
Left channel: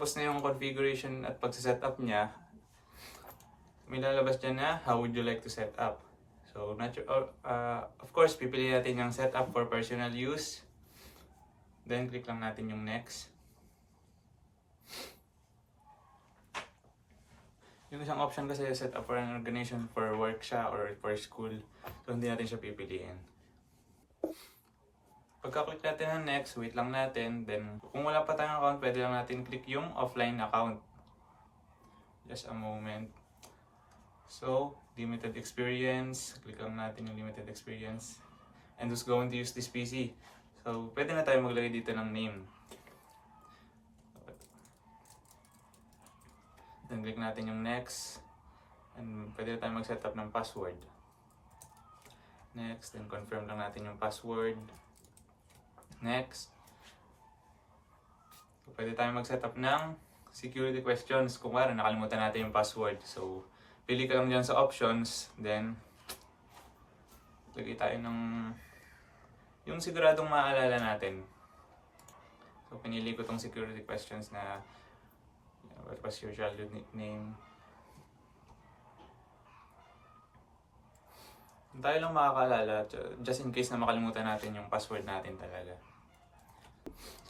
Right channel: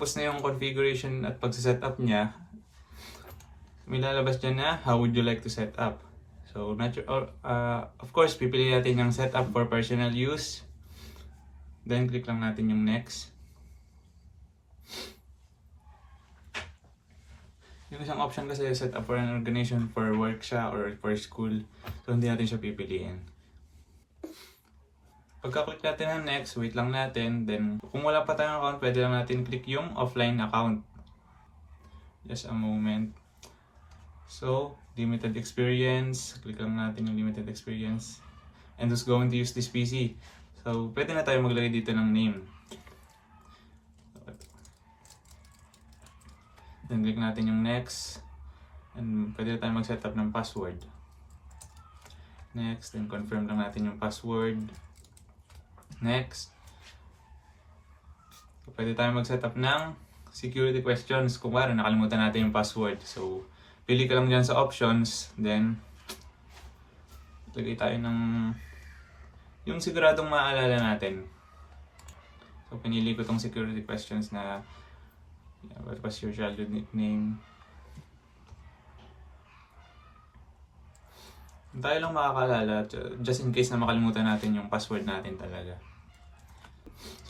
tapos na yung configuration at pagsa-setup niya, may lalabas dyan na how would you like to set up. So, of course, pipili natin yung setup for personal use. Then, click lang natin yung next. Yung isang option kasi set up for an organization for work siya or for school. So, hindi natin siya pipiliin. Pagka-click natin ng next, wait lang natin. Then, kung wala pa tayong account, pwede lang natin click yung offline account. Just a moment. So, limited experience. Click lang natin yung limited experience. And who's going to use this PC? So, pwede na tayo maglagay dito ng name. Then, click natin yung next. And pwede na tayo mag-setup ng password. Next, then confirm lang natin yung password. Next. So, pwede tayo mag-setup ng security questions. Kung wala, nakalimutan natin yung password. So, pili ka lang dyan sa options. Then, lagay tayo ng yung siguradong maaalala natin. So, pinili ko tong security questions na what was your childhood nickname? Tayo lang makakaalala just in case na makalimutan natin yung password natin talaga.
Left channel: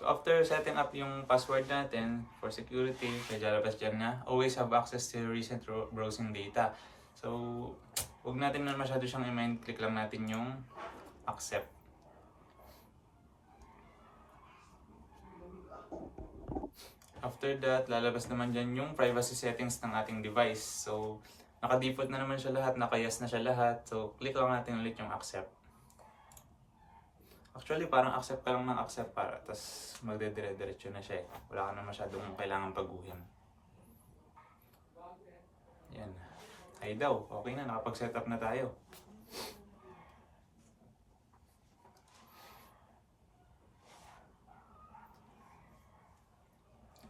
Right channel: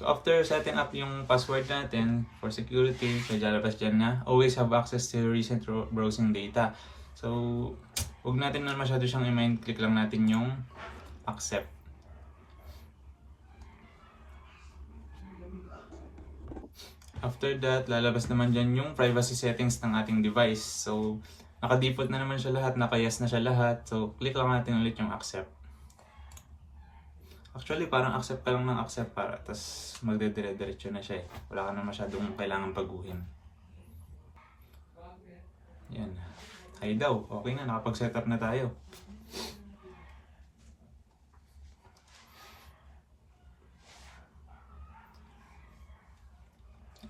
So after setting up yung password natin for security, may lalabas dyan na always have access to recent browsing data. So huwag natin na masyado siyang i-mind, click lang natin yung accept. After that, lalabas naman dyan yung privacy settings ng ating device. So, naka-default na naman siya lahat, naka-yes na siya lahat. So, click lang natin ulit yung accept. Actually, parang accept ka lang ng accept para, tapos magdedire-diretso na siya eh. Wala ka na masyadong kailangan baguhin. Yan. Ay daw, okay na, nakapag-setup na tayo.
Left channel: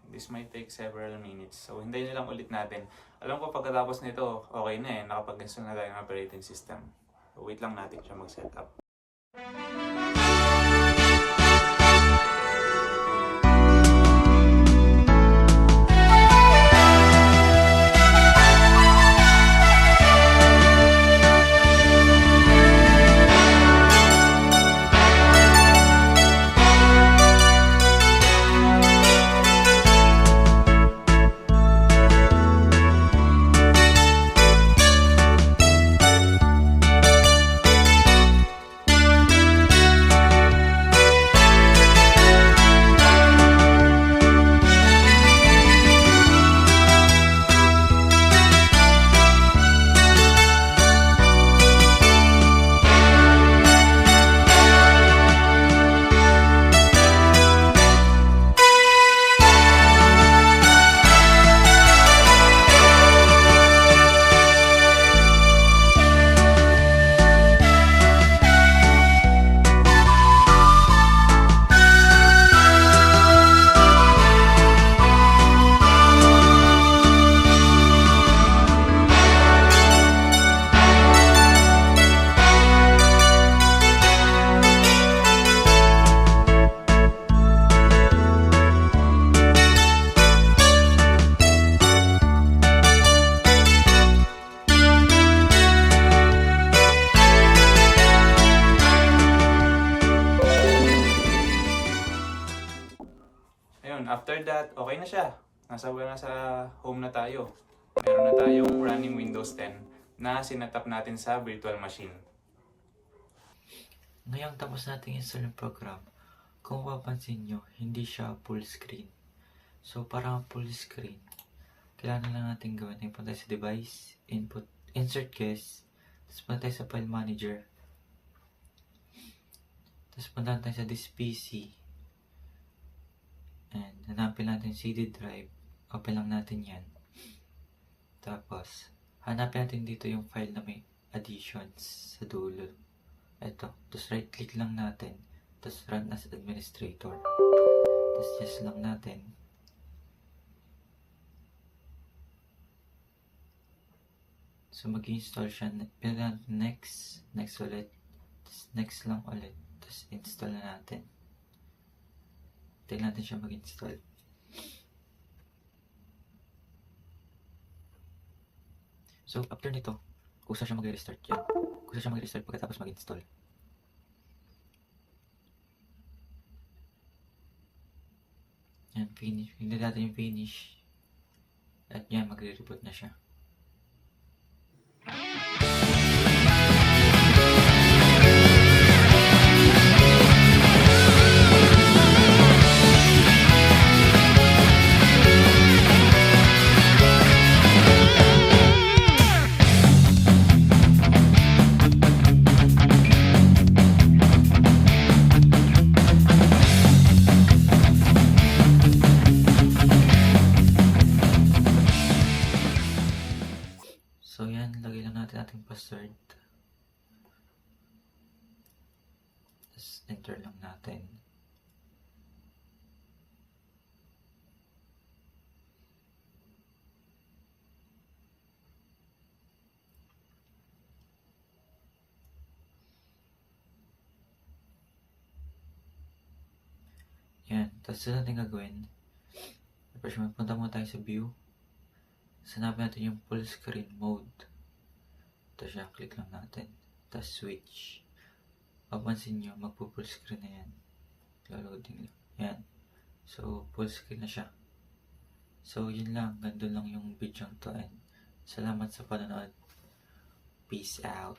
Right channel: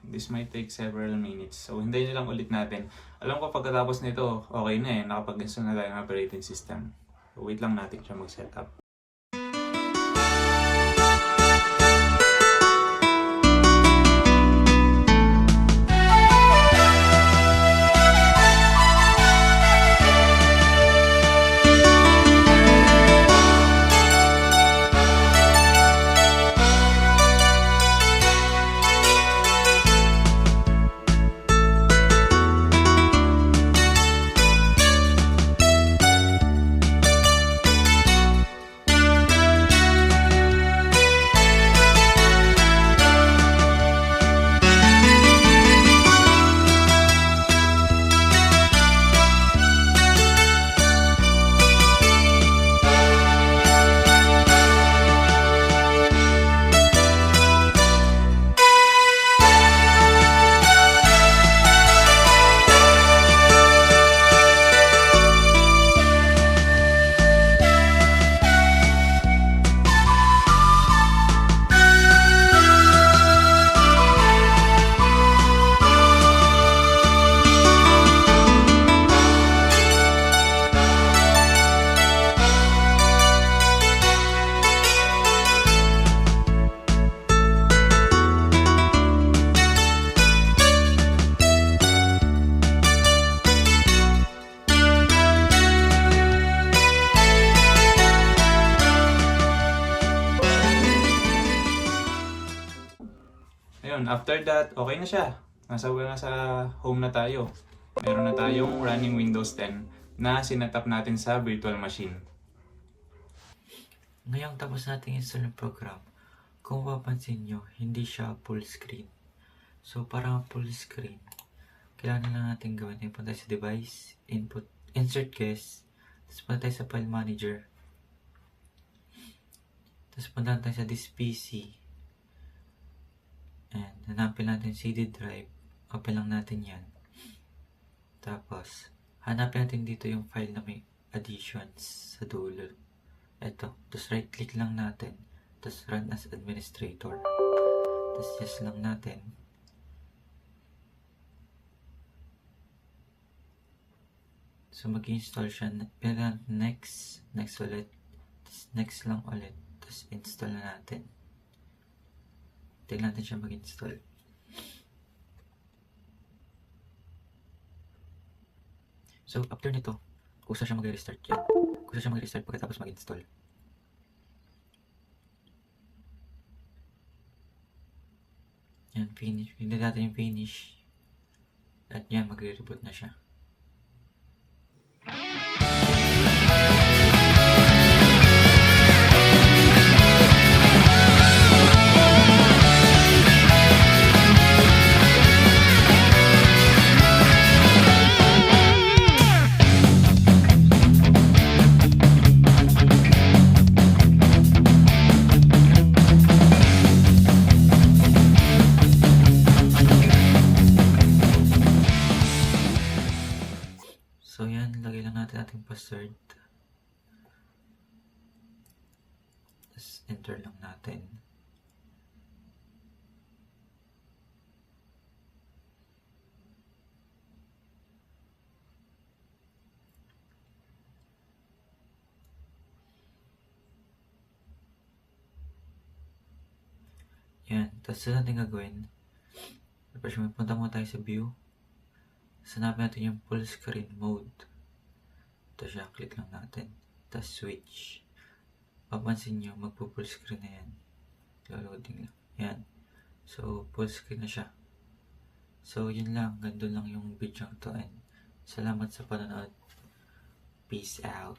This might take several minutes. So, hintayin lang ulit natin. Alam ko pagkatapos nito, okay na eh. Nakapag-install na tayo ng operating system. So, wait lang natin siya mag-setup. After that, okay na siya. Nasa home na tayo. Meron na tayong running Windows 10 na sinetap natin sa virtual machine. Ngayong tapos natin install yung program, kung mapapansin nyo, hindi siya full screen. So, para full screen, kailangan lang natin gawin. Punta sa device, input, insert guest, tapos punta tayo sa file manager. Tapos punta tayo sa this PC. And hanapin natin CD drive. Open lang natin yan. Tapos, hanapin natin dito yung file na may additions sa dulo. Ito. Tapos right click lang natin. Tapos run as administrator. Tapos yes lang natin. So mag-install siya. Pinag next. Next ulit. Tapos next lang ulit. Tapos install na natin. Tingnan natin siya mag-install. So, after nito, kusa siya mag-restart yan. Kusa siya mag-restart pagkatapos mag-install. Yan, finish. Hindi natin yung finish. At yan, magre-reboot na siya. So yan, lagay lang natin ating password. Tapos enter lang natin. Yan, tapos ito natin gagawin. Tapos punta muna tayo sa view. Hanapin natin yung full screen mode. Ito siya, click lang natin. Tapos switch. Papansin nyo, magpo-full screen na yan. Loading lang. Yan. So, full screen na siya. So, yun lang. Ganda lang yung video to. And salamat sa panonood. Peace out.